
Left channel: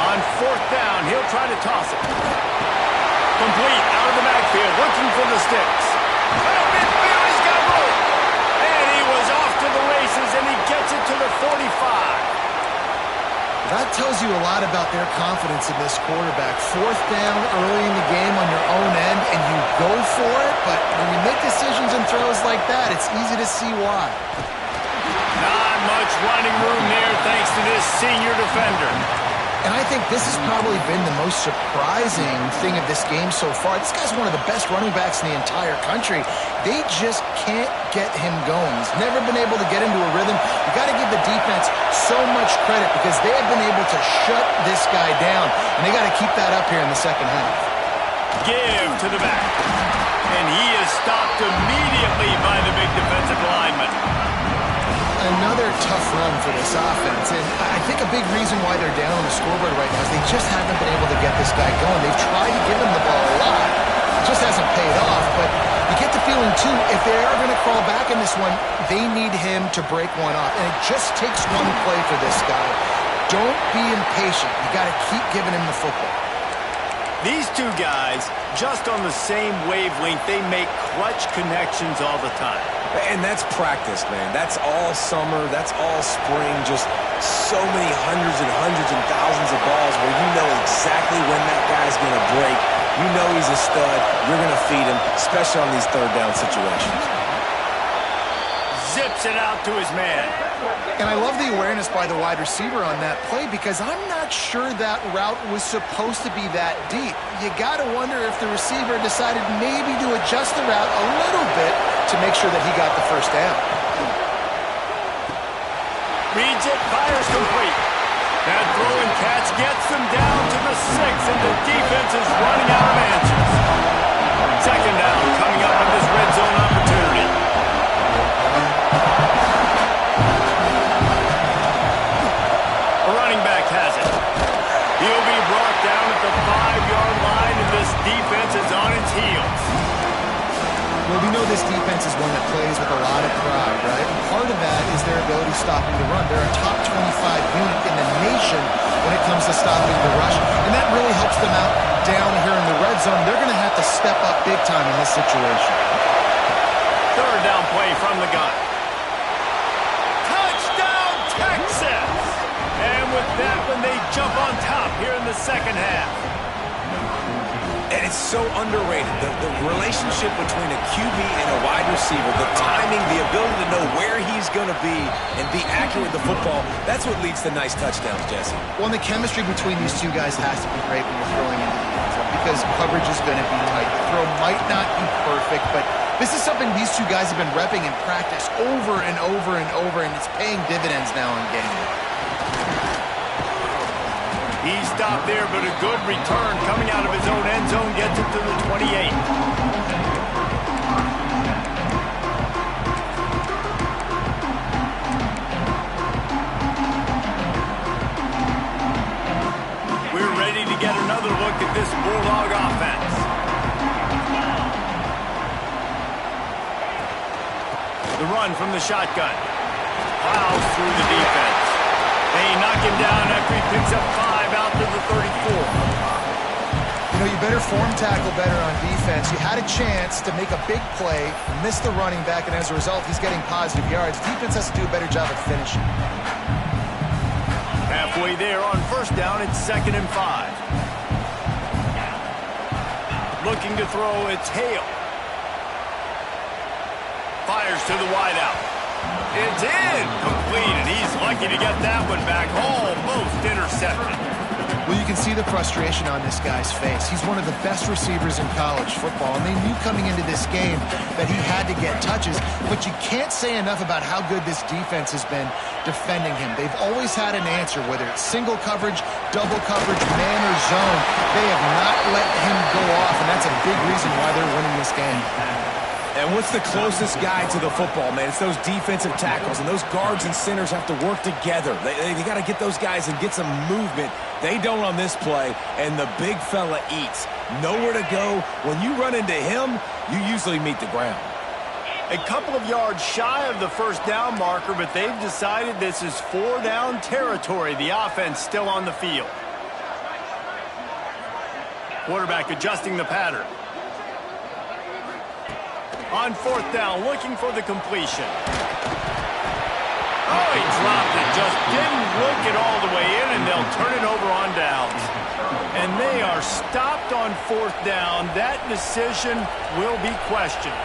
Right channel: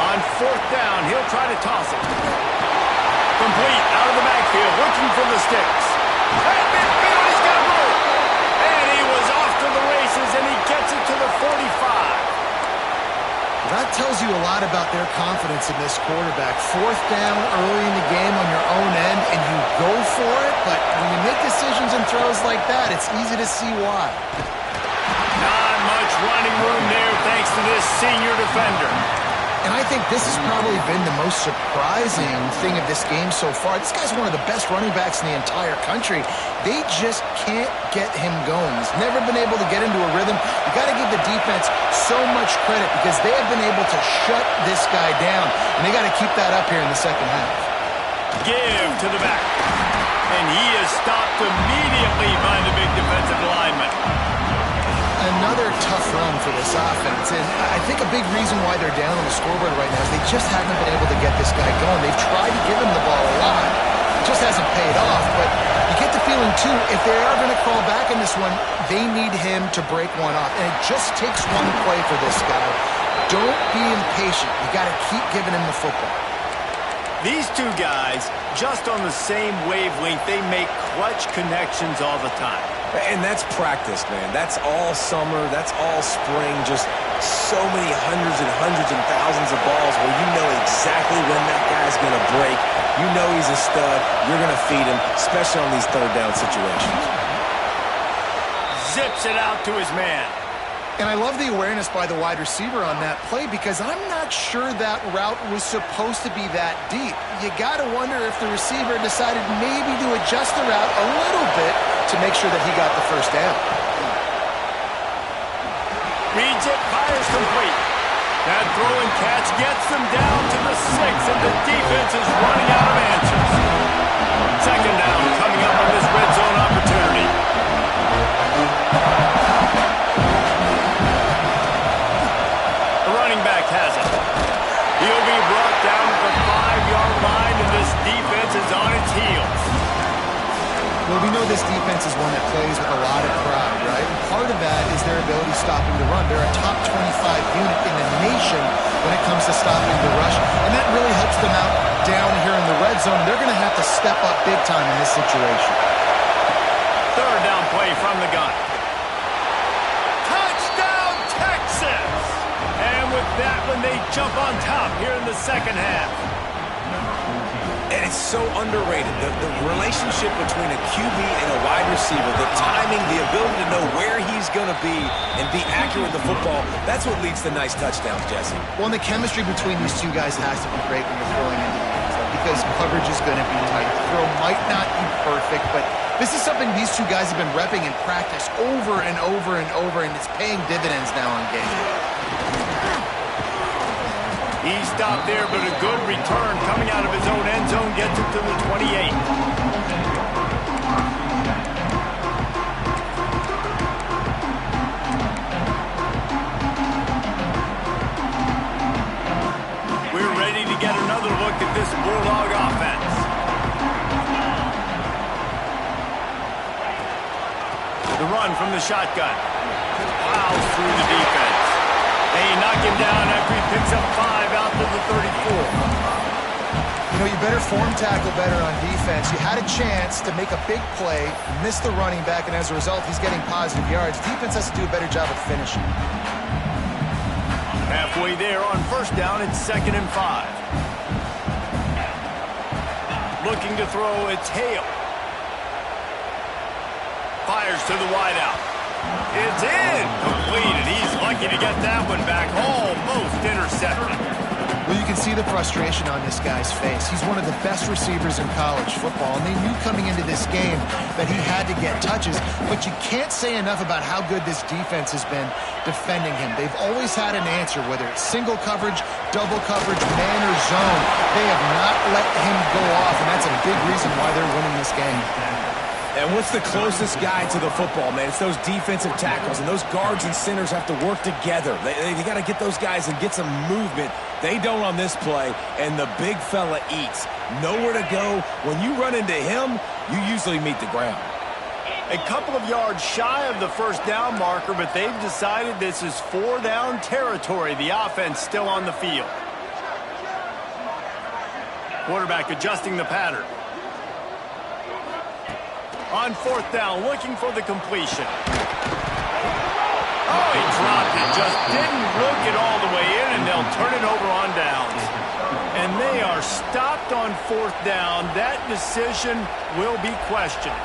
On fourth down, he'll try to toss it. Complete out of the backfield, looking for the sticks. At midfield, he's got room. And he was off to the races, and he gets it to the 45. That tells you a lot about their confidence in this quarterback. Fourth down early in the game on your own end, and you go for it, but when you make decisions and throws like that, it's easy to see why. Not much running room there thanks to this senior defender. And I think this has probably been the most surprising thing of this game so far. This guy's one of the best running backs in the entire country. They just can't get him going. He's never been able to get into a rhythm. You got to give the defense so much credit because they have been able to shut this guy down, and they got to keep that up here in the second half. Give to the back. And he is stopped immediately by the big defensive lineman. Another tough run for this offense, and I think a big reason why they're down on the scoreboard right now is they just haven't been able to get this guy going. They've tried to give him the ball a lot. It just hasn't paid off, but you get the feeling, too, if they are going to crawl back in this one, they need him to break one off, and it just takes one play for this guy. Don't be impatient. You got to keep giving him the football. These two guys, just on the same wavelength, they make clutch connections all the time. And that's practice, man. That's all summer. That's all spring. Just so many hundreds and thousands of balls where you know exactly when that guy's going to break. You know he's a stud. You're going to feed him, especially on these third down situations. Zips it out to his man. And I love the awareness by the wide receiver on that play because I'm not sure that route was supposed to be that deep. You got to wonder if the receiver decided maybe to adjust the route a little bit to make sure that he got the first down. Reads it, fires complete. That throw and catch gets them down to the 6, and the defense is running out of answers. Second down coming up in this red zone opportunity. The running back has it. He'll be brought down at the 5-yard line, and this defense is on its heels. Well, we know this defense is one that plays with a lot of pride, right? And part of that is their ability stopping the run. They're a top 25 unit in the nation when it comes to stopping the rush, and that really helps them out down here in the red zone. They're going to have to step up big time in this situation. Third down play from the gun. Touchdown, Texas! And with that one, they jump on top here in the second half. And it's so underrated. The relationship between a QB and a wide receiver, the timing, the ability to know where he's going to be and be accurate with the football, that's what leads to nice touchdowns, Jesse. Well, and the chemistry between these two guys has to be great when you're throwing into the end zone because coverage is going to be tight. The throw might not be perfect, but this is something these two guys have been repping in practice over and over and over, and it's paying dividends now in game. He stopped there, but a good return coming out of his own end zone gets it to the 28. We're ready to get another look at this Bulldog offense. The run from the shotgun. Plows through the defense. They knock him down after he picks up 5 out to the 34. You know, you better form tackle better on defense. You had a chance to make a big play, miss the running back, and as a result, he's getting positive yards. Defense has to do a better job of finishing. Halfway there on first down, it's 2nd and 5. Looking to throw, it's Hale. Fires to the wideout. It's in, completed. He's lucky to get that one back. Almost intercepted. Well, you can see the frustration on this guy's face. He's one of the best receivers in college football, and they knew coming into this game that he had to get touches, but you can't say enough about how good this defense has been defending him. They've always had an answer, whether it's single coverage, double coverage, man or zone. They have not let him go off, and that's a big reason why they're winning this game. And what's the closest guy to the football, man? It's those defensive tackles, and those guards and centers have to work together. They got to get those guys and get some movement. They don't on this play, and the big fella eats. Nowhere to go. When you run into him, you usually meet the ground. A couple of yards shy of the first down marker, but they've decided this is 4-down territory. The offense still on the field. Quarterback adjusting the pattern. On 4th down, looking for the completion. Oh, he dropped it. Just didn't look it all the way in, and they'll turn it over on downs. And they are stopped on 4th down. That decision will be questioned.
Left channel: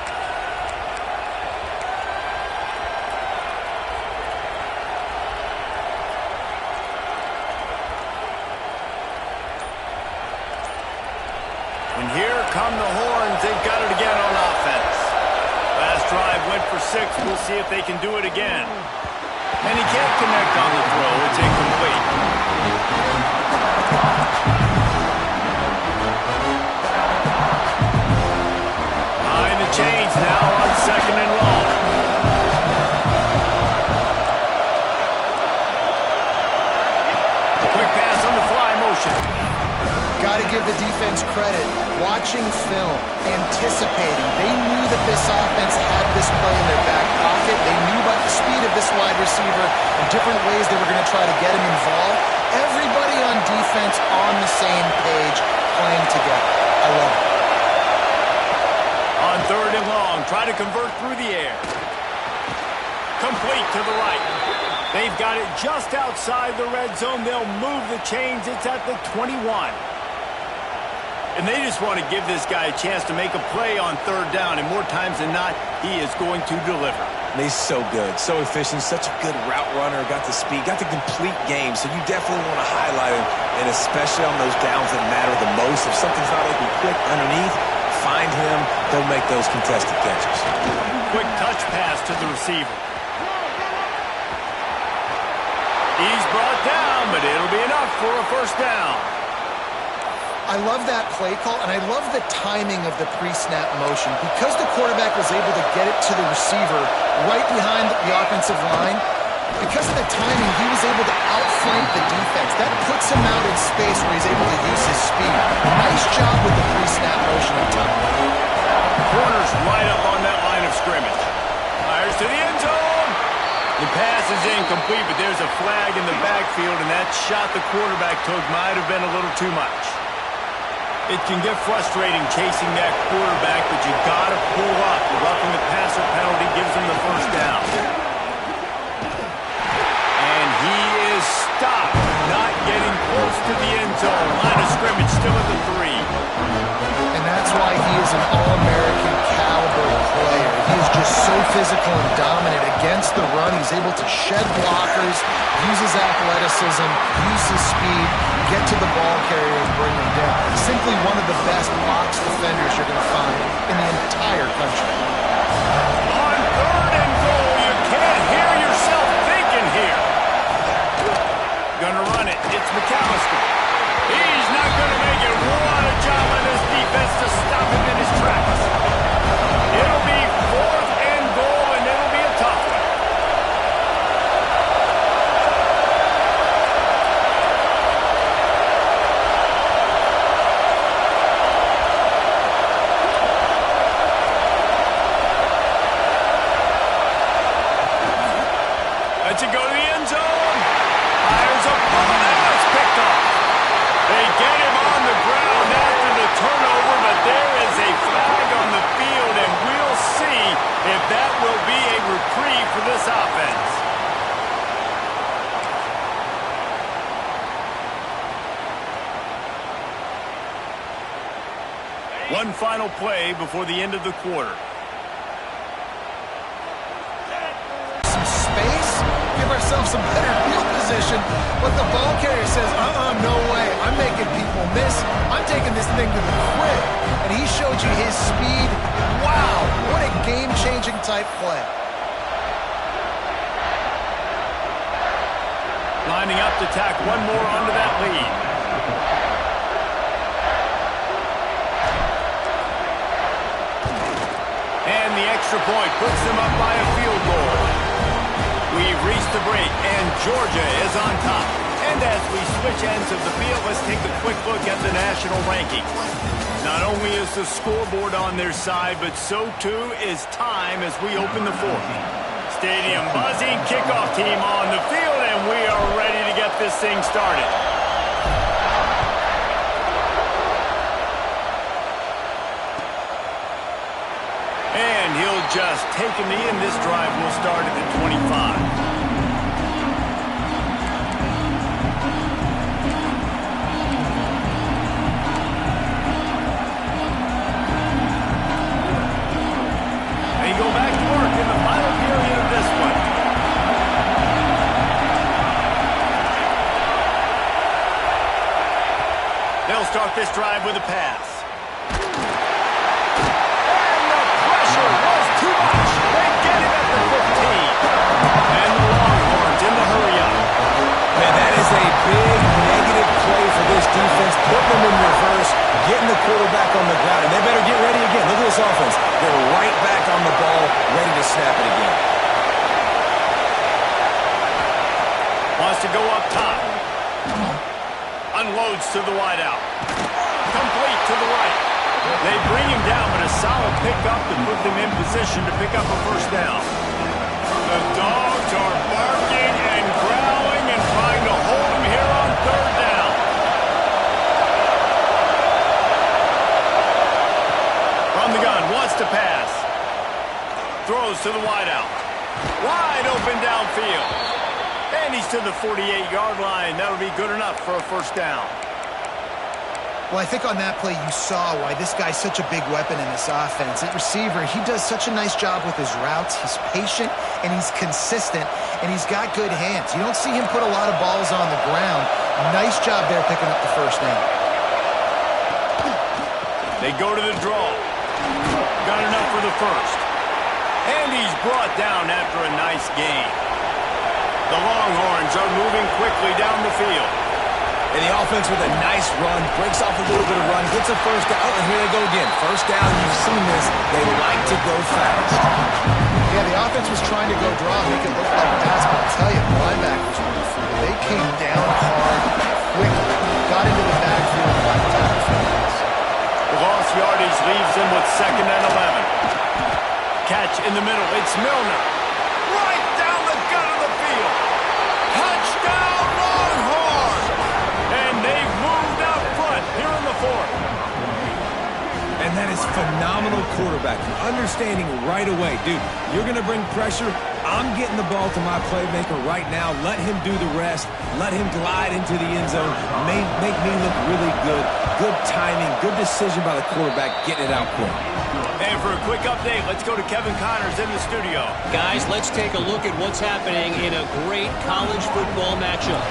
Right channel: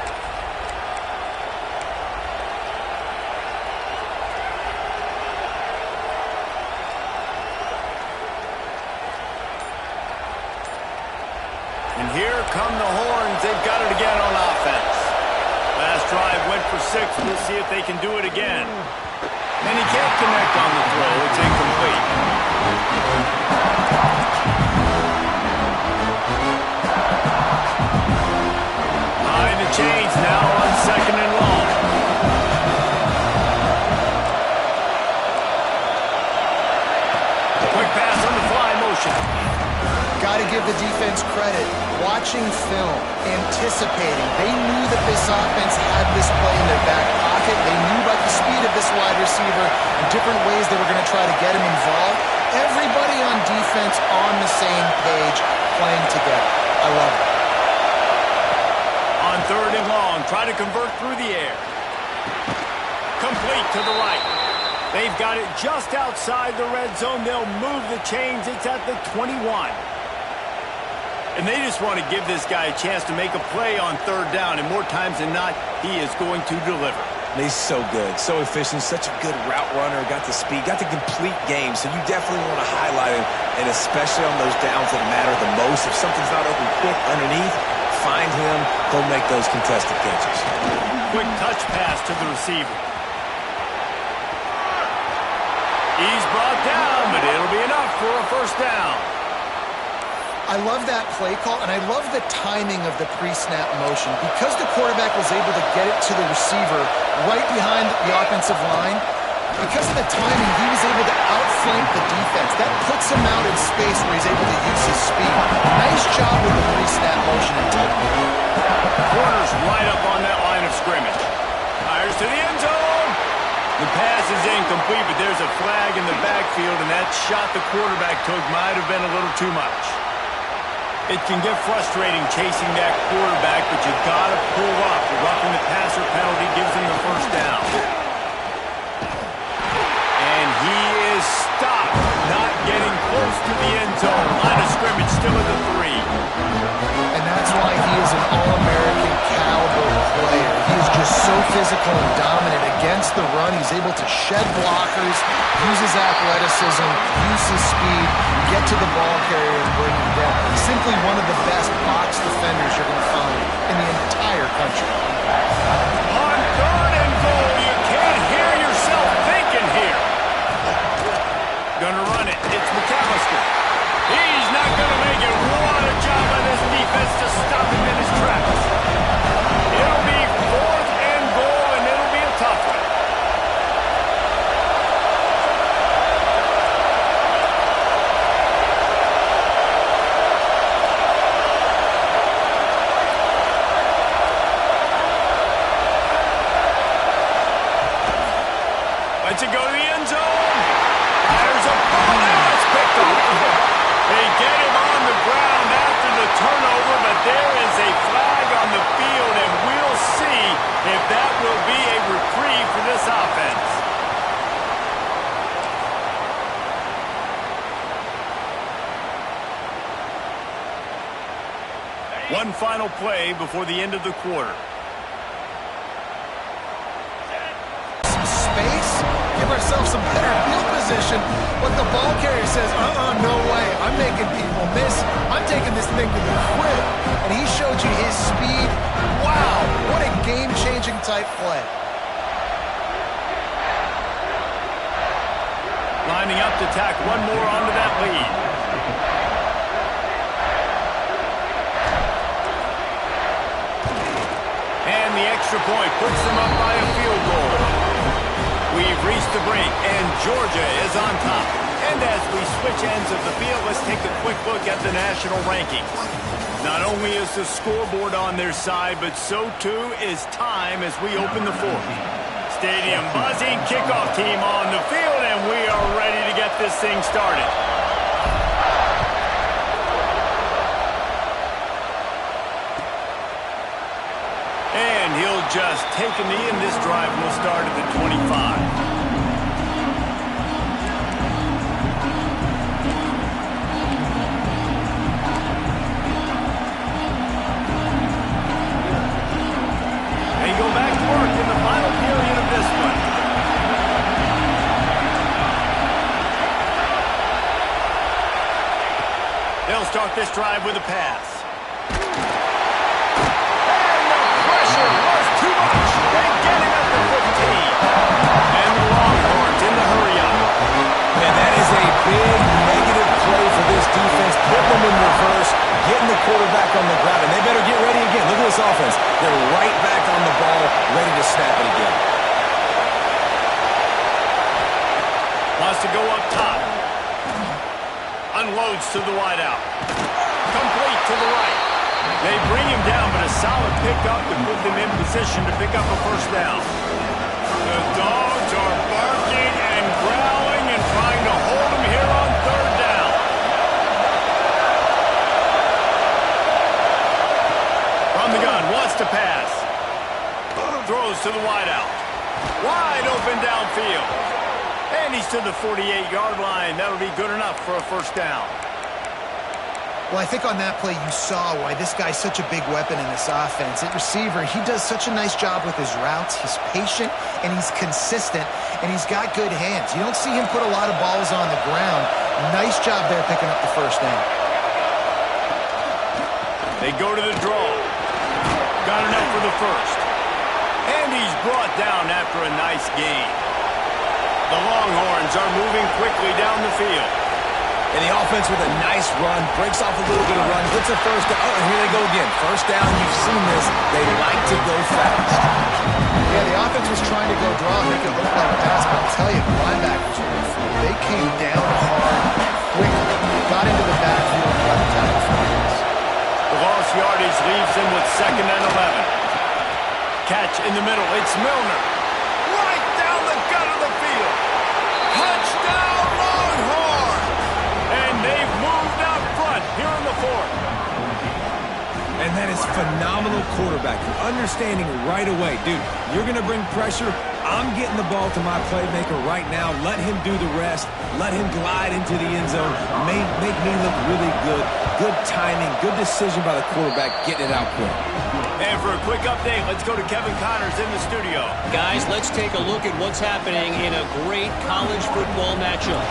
And here come the horns. They've got it again on offense. Last drive went for 6. We'll see if they can do it again. And he can't connect on the throw. It's incomplete. Behind the chains now on 2nd and long. Quick pass on the fly motion. Got to give the defense credit. Watching film, anticipating. They knew that this offense had this play in their back pocket. They knew about the speed of this wide receiver and different ways they were going to try to get him involved. Everybody on defense on the same page, playing together. I love it. On 3rd and long, try to convert through the air. Complete to the right. They've got it just outside the red zone. They'll move the chains. It's at the 21. And they just want to give this guy a chance to make a play on 3rd down. And more times than not, he is going to deliver. He's so good, so efficient, such a good route runner, got the speed, got the complete game. So you definitely want to highlight him, and especially on those downs that matter the most. If something's not open quick underneath, find him, go make those contested catches. Quick touch pass to the receiver. He's brought down, but it'll be enough for a 1st down. I love that play call, and I love the timing of the pre-snap motion. Because the quarterback was able to get it to the receiver right behind the offensive line, because of the timing, he was able to outflank the defense. That puts him out in space where he's able to use his speed. Nice job with the pre-snap motion and timing. Corner's right up on that line of scrimmage. Fires to the end zone. The pass is incomplete, but there's a flag in the backfield, and that shot the quarterback took might have been a little too much. It can get frustrating chasing that quarterback, but you got to pull up. The roughing the passer penalty gives him the first down. And he is stopped, not getting close to the end zone. Line of scrimmage still at the 3. And that's why he is an All-American caliber player. He is just so physical and dominant against the run. He's able to shed blockers, use his athleticism, use his speed, get to the ball carrier and bring him down. Simply one of the best box defenders you're going to find in the entire country. On 3rd and goal, you can't hear yourself thinking here. Gonna run it. It's McAllister. He's not gonna make it. What a job by this defense to stop him in his tracks. It'll be 4th and goal, and it'll be a tough one. Lets it go to the end zone. Fires a bullet. Now it's picked off. They get him on the ground after the turnover, but there is a flag on the field, and we'll see if that will be a reprieve for this offense. One final play before the end of the quarter. Some space, give ourselves some better field position, but the ball carrier says, no way, I'm making people miss, I'm taking this thing to the crib, and he showed you his speed. Wow, what a game-changing type play. Lining up to tack one more onto that lead. And the extra point puts them up by a field goal. We've reached the break, and Georgia is on top. And as we switch ends of the field, let's take a quick look at the national rankings. Not only is the scoreboard on their side, but so too is time as we open the 4th. Stadium buzzing, kickoff team on the field, and we are ready to get this thing started. And he'll just take a knee, and this drive will start at the 25. They go back to work in the final period of this one. They'll start this drive with a pass. Was too much. They get him at the 15. And the Longhorns in the hurry-up. Man, that is a big negative play for this defense. Put them in reverse, getting the quarterback on the ground, and they better get ready again. Look at this offense. They're right back on the ball, ready to snap it again. Wants to go up top. Unloads to the wideout. Complete to the right. They bring him down, but a solid pickup to put them in position to pick up a first down. The Dogs are barking and growling and trying to hold him here on 3rd down. From the gun, wants to pass. Throws to the wideout. Wide open downfield. And he's to the 48-yard line. That'll be good enough for a first down. Well, I think on that play you saw why this guy's such a big weapon in this offense. At receiver, he does such a nice job with his routes. He's patient, and he's consistent, and he's got good hands. You don't see him put a lot of balls on the ground. Nice job there picking up the first down. They go to the draw. Got enough for the first. And he's brought down after a nice gain. The Longhorns are moving quickly down the field. And the offense with a nice run, breaks off a little bit of run, gets a first down. Oh, and here they go again. First down, you've seen this. They like to go fast. Yeah, the offense was trying to go draw, make it look like pass, but I'll tell you, the linebackers were fooled. They came down hard, quickly, got into the backfield and got attacked for this. The loss yardage leaves them with 2nd and 11. Catch in the middle. It's Milner. Right down the gut of the field. Touchdown, Longhorn! And they've moved out front here in the 4th. And that is phenomenal quarterbacking. Understanding right away, dude, you're going to bring pressure. I'm getting the ball to my playmaker right now. Let him do the rest. Let him glide into the end zone. Make me look really good. Good timing, good decision by the quarterback, getting it out quick. And for a quick update, let's go to Kevin Connors in the studio. Guys, let's take a look at what's happening in a great college football matchup.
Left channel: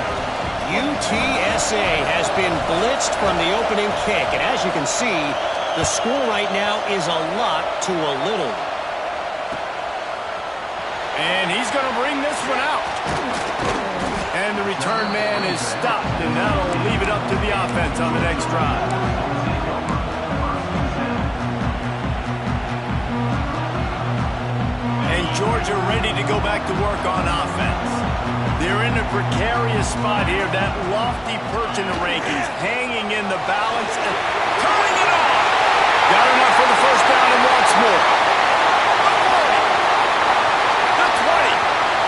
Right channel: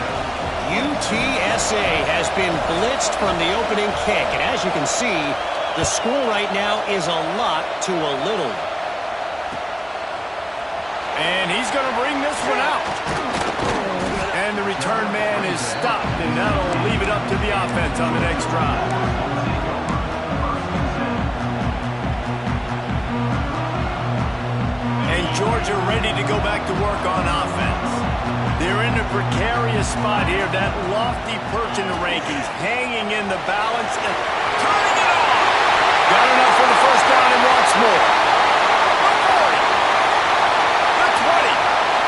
UTSA has been blitzed from the opening kick, and as you can see, the score right now is a lot to a little. And he's going to bring this one out. And the return man is stopped, and that'll leave it up to the offense on the next drive. And Georgia ready to go back to work on offense. They're in a precarious spot here. That lofty perch in the rankings, hanging in the balance, and turning it on. Got enough for the first down and wants more. The 40. The 20.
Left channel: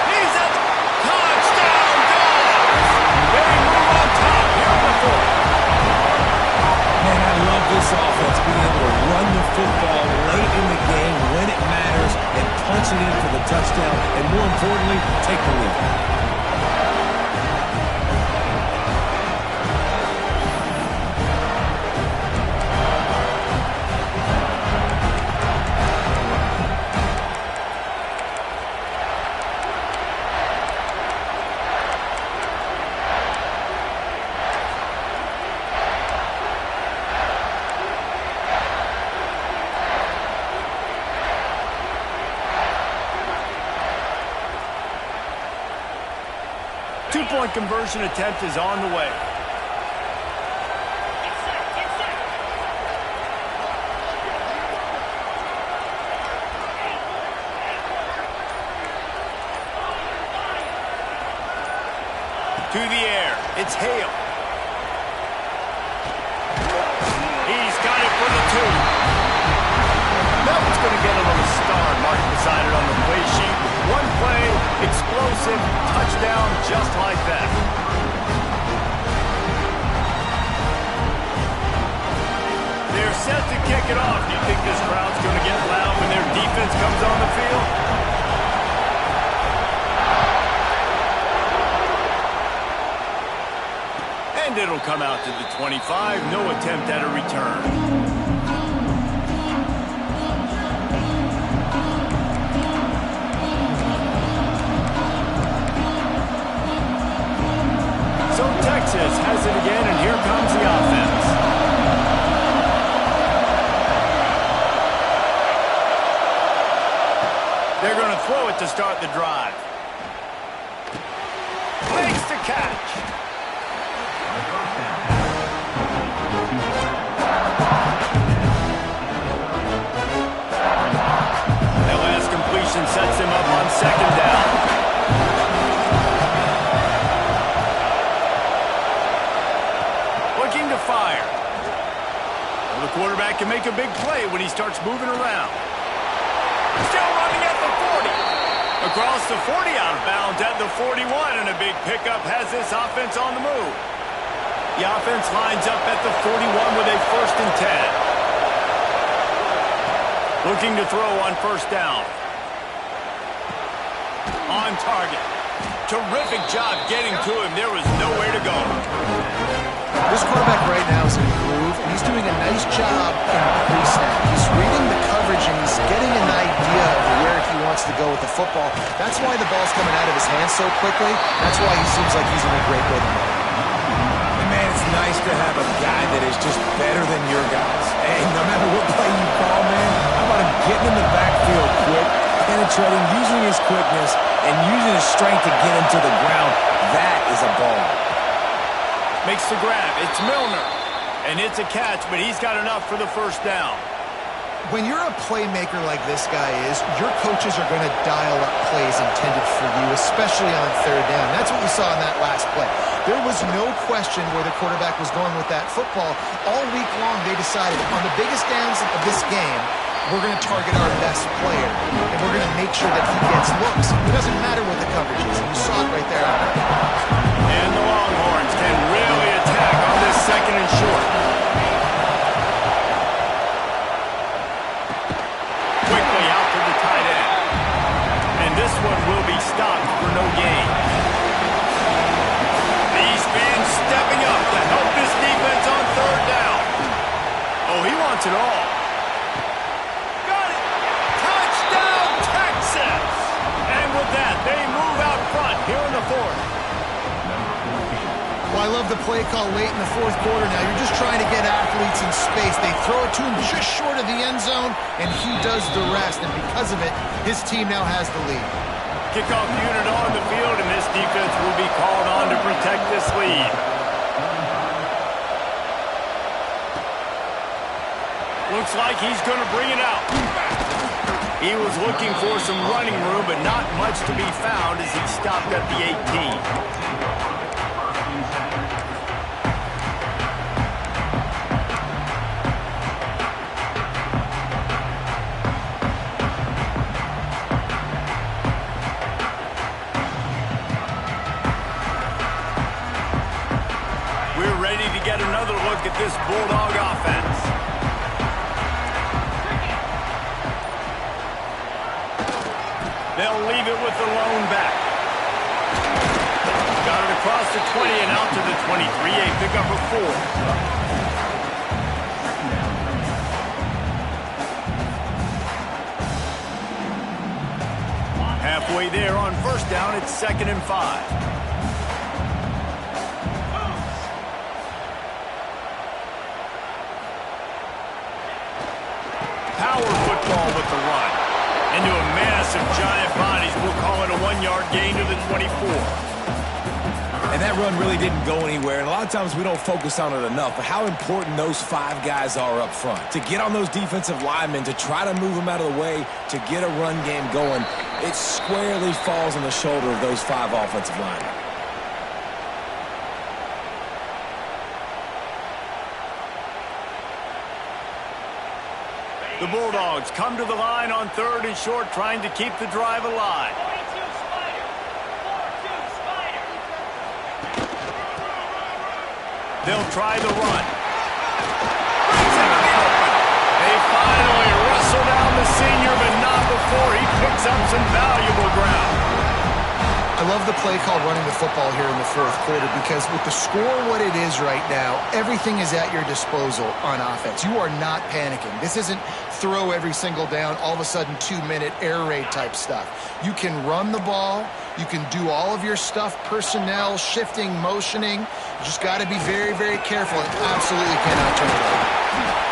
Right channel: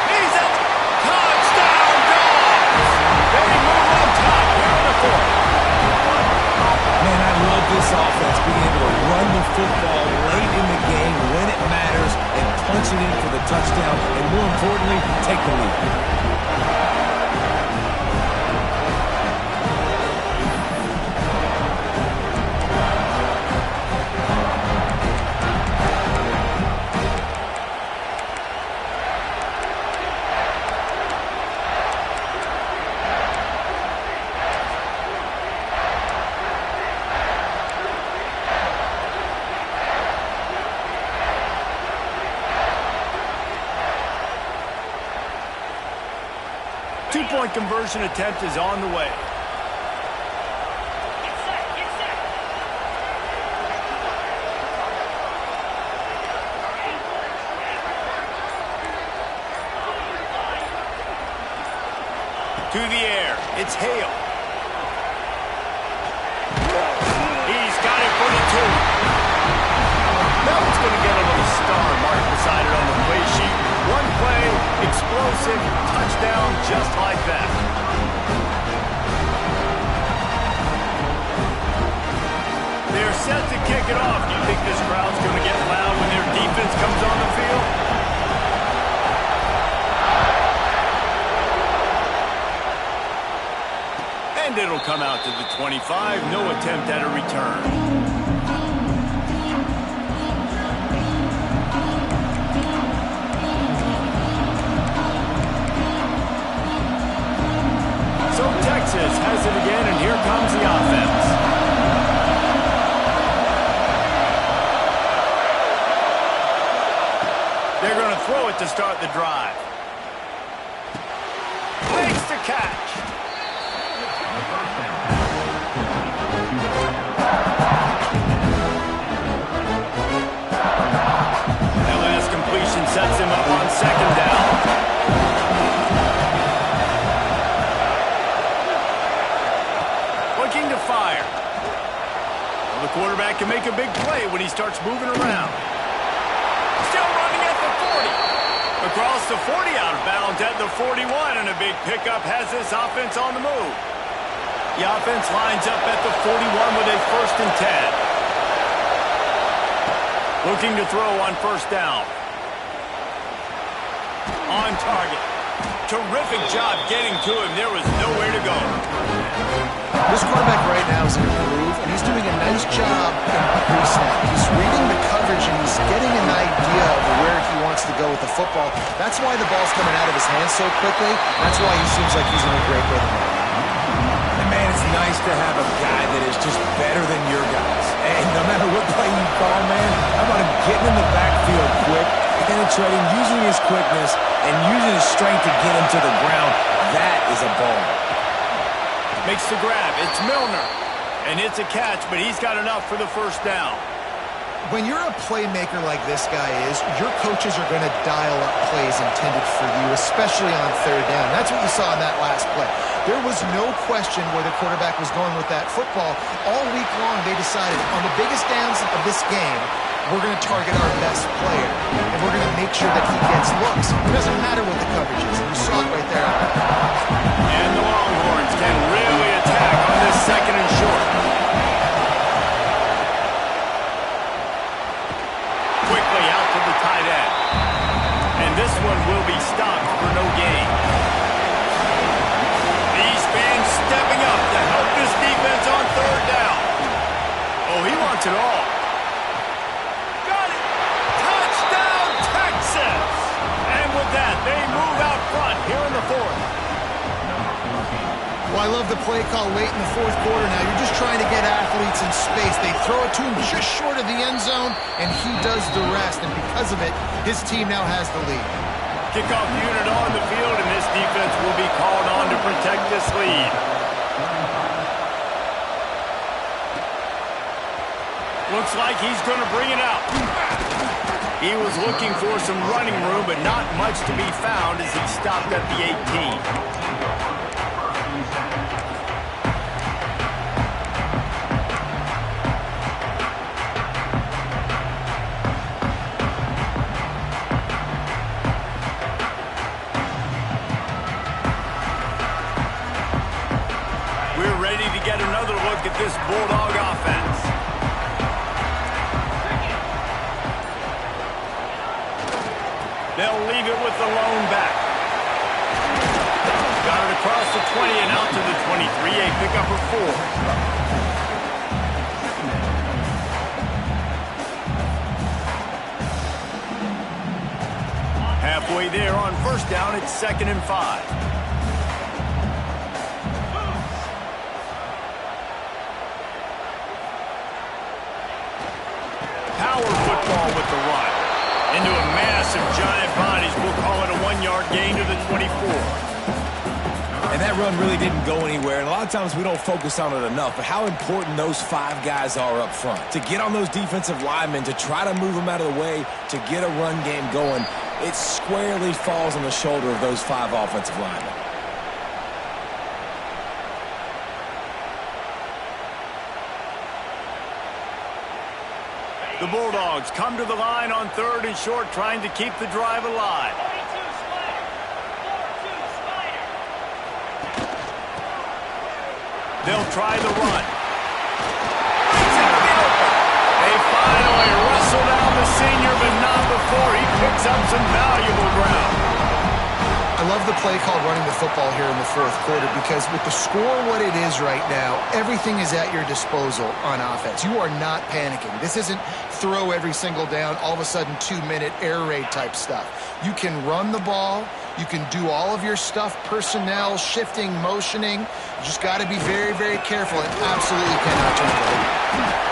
He's at the touchdown, Dogs. They move on top here in the 4th. Man, I love this offense, being able to run the football late in the game when it matters and punch it in for the touchdown, and more importantly, take the lead. 2-point conversion attempt is on the way. Get set, get set. To the air. It's Hale. He's got it for the 2. That one's going to get a little star marked beside it on the play sheet. One play, explosive, touchdown, just like that. They're set to kick it off. Do you think this crowd's going to get loud when their defense comes on the field? And it'll come out to the 25. No attempt at a return. So Texas has it again, and here comes the offense. They're going to throw it to start the drive. Makes the catch. That last completion sets him up on 2nd down. Looking to fire. Well, the quarterback can make a big play when he starts moving around. Still running at the 40. Across the 40, out of bounds at the 41, and a big pickup has this offense on the move. The offense lines up at the 41 with a 1st and 10. Looking to throw on 1st down. On target. Terrific job getting to him. There was nowhere to go. This quarterback right now is in a groove, and he's doing a nice job in pre-snap. He's reading the coverage, and he's getting an idea of where he wants to go with the football. That's why the ball's coming out of his hands so quickly. That's why he seems like he's in a great rhythm right now. And man, it's nice to have a guy that is just better than your guys. Hey, no matter what play you call, man, how about him getting in the backfield quick, penetrating, using his quickness, and using his strength to get him to the ground. That is a ball. Makes the grab. It's Milner. And it's a catch, but he's got enough for the 1st down. When you're a playmaker like this guy is, your coaches are going to dial up plays intended for you, especially on third down. That's what you saw in that last play. There was no question where the quarterback was going with that football. All week long, they decided on the biggest downs of this game, we're going to target our best player, and we're going to make sure that he gets looks. It doesn't matter what the coverage is. You saw it right there. And the Longhorns can really attack on this second and short. Quickly out to the tight end. And this one will be stopped for no gain. These fans stepping up to help this defense on third down. Oh, he wants it all. Got it! Touchdown, Texas! And with that, they move out front here in the fourth. Well, I love the play call late in the fourth quarter now. You're just trying to get athletes in space. They throw it to him just short of the end zone, and he does the rest. And because of it, his team now has the lead. Kickoff unit on the field, and this defense will be called on to protect this lead. Looks like he's going to bring it out. He was looking for some running room, but not much to be found as he stopped at the 18. Get another look at this Bulldog offense. They'll leave it with the lone back. Got it across the 20 and out to the 23. A pickup of 4. Halfway there on first down, it's 2nd and 5. Power football with the run. Into a mass of giant bodies. We'll call it a 1-yard gain to the 24. And that run really didn't go anywhere. And a lot of times we don't focus on it enough. But how important those 5 guys are up front. To get on those defensive linemen, to try to move them out of the way, to get a run game going, it squarely falls on the shoulder of those 5 offensive linemen. The Bulldogs come to the line on 3rd and short, trying to keep the drive alive. 42 Spider. 4-2 Spider. They'll try the run. Brings it to the open. They finally wrestle down the senior, but not before he picks up some valuable ground. I love the play called running the football here in the fourth quarter because with the score what it is right now, everything is at your disposal on offense. You are not panicking. This isn't throw every single down, all of a sudden 2-minute air raid type stuff. You can run the ball. You can do all of your stuff, personnel, shifting, motioning. You just got to be very, very careful and absolutely cannot turn it over.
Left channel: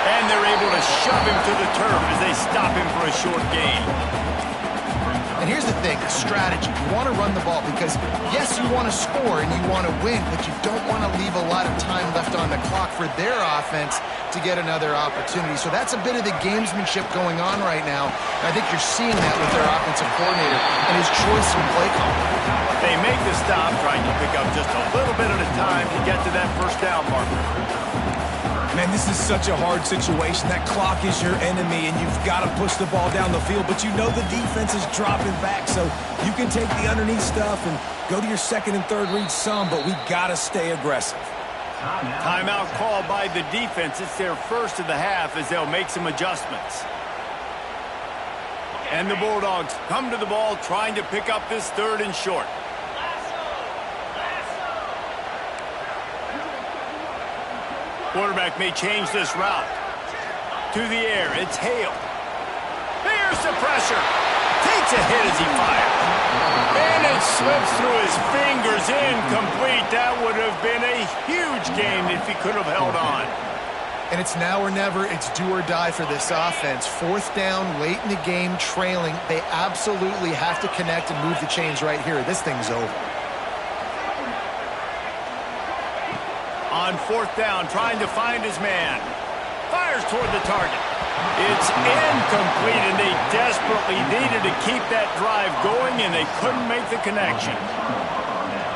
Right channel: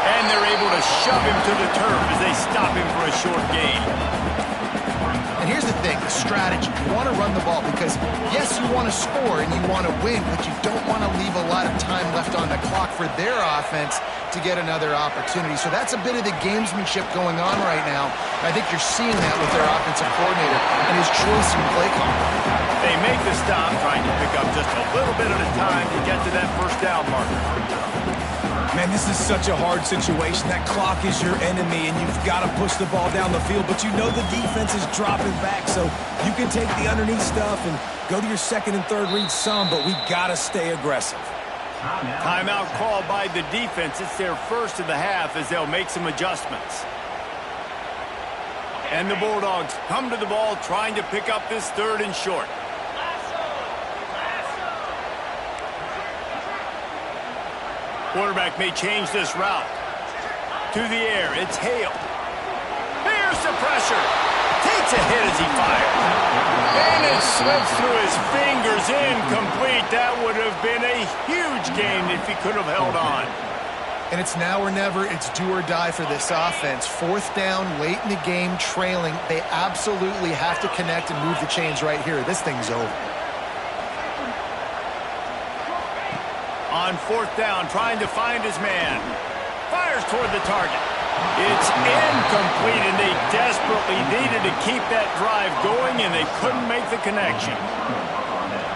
And they're able to shove him to the turf as they stop him for a short gain. And here's the thing, the strategy. You want to run the ball because, yes, you want to score and you want to win, but you don't want to leave a lot of time left on the clock for their offense to get another opportunity. So that's a bit of the gamesmanship going on right now. And I think you're seeing that with their offensive coordinator and his choice in play call. They make the stop, trying to pick up just a little bit at a time to get to that first down marker. Man, this is such a hard situation. That clock is your enemy, and you've got to push the ball down the field. But you know the defense is dropping back, so you can take the underneath stuff and go to your 2nd and 3rd read some, but we got to stay aggressive. Timeout called by the defense. It's their first of the half as they'll make some adjustments. And the Bulldogs come to the ball trying to pick up this 3rd and short. Quarterback may change this route. To the air, it's Hale. Here's the pressure. Takes a hit as he fires. And it slips through his fingers, incomplete. That would have been a huge gain if he could have held on. And it's now or never. It's do or die for this offense. 4th down, late in the game, trailing. They absolutely have to connect and move the chains right here. This thing's over. On 4th down, trying to find his man. Fires toward the target. It's incomplete, and they desperately needed to keep that drive going, and they couldn't make the connection.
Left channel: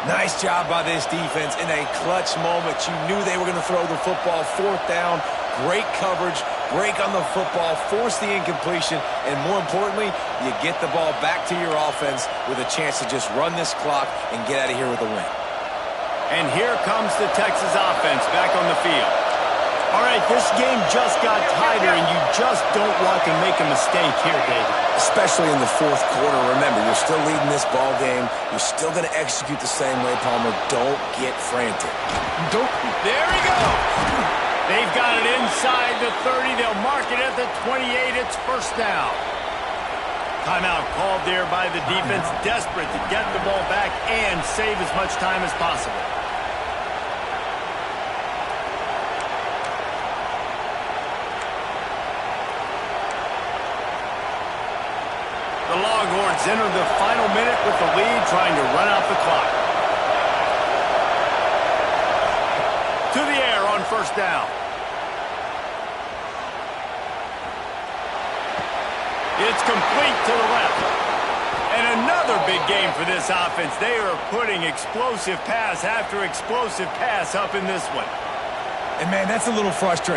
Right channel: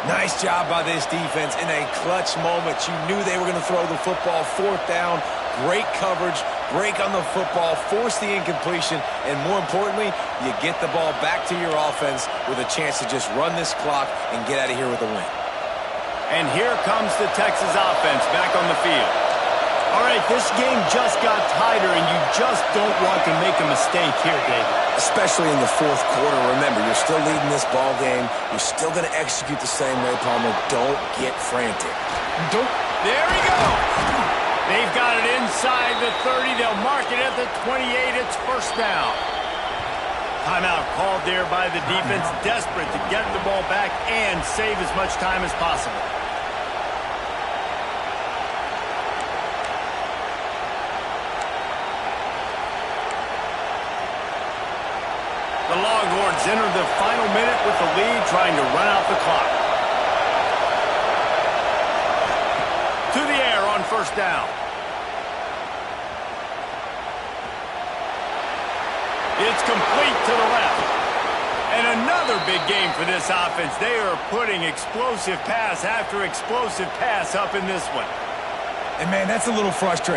Nice job by this defense in a clutch moment. You knew they were going to throw the football. Fourth down, great coverage, break on the football, force the incompletion, and more importantly, you get the ball back to your offense with a chance to just run this clock and get out of here with a win. And here comes the Texas offense back on the field. All right, this game just got tighter, and you just don't want to make a mistake here, David. Especially in the fourth quarter. Remember, you're still leading this ball game. You're still going to execute the same way, Palmer. Don't get frantic. There he goes. They've got it inside the 30. They'll mark it at the 28. It's first down. Timeout called there by the defense, desperate to get the ball back and save as much time as possible. The Longhorns enter the final minute with the lead, trying to run out the clock. To the air on first down. It's complete to the left. And another big game for this offense. They are putting explosive pass after explosive pass up in this one. And, man, that's a little frustrating.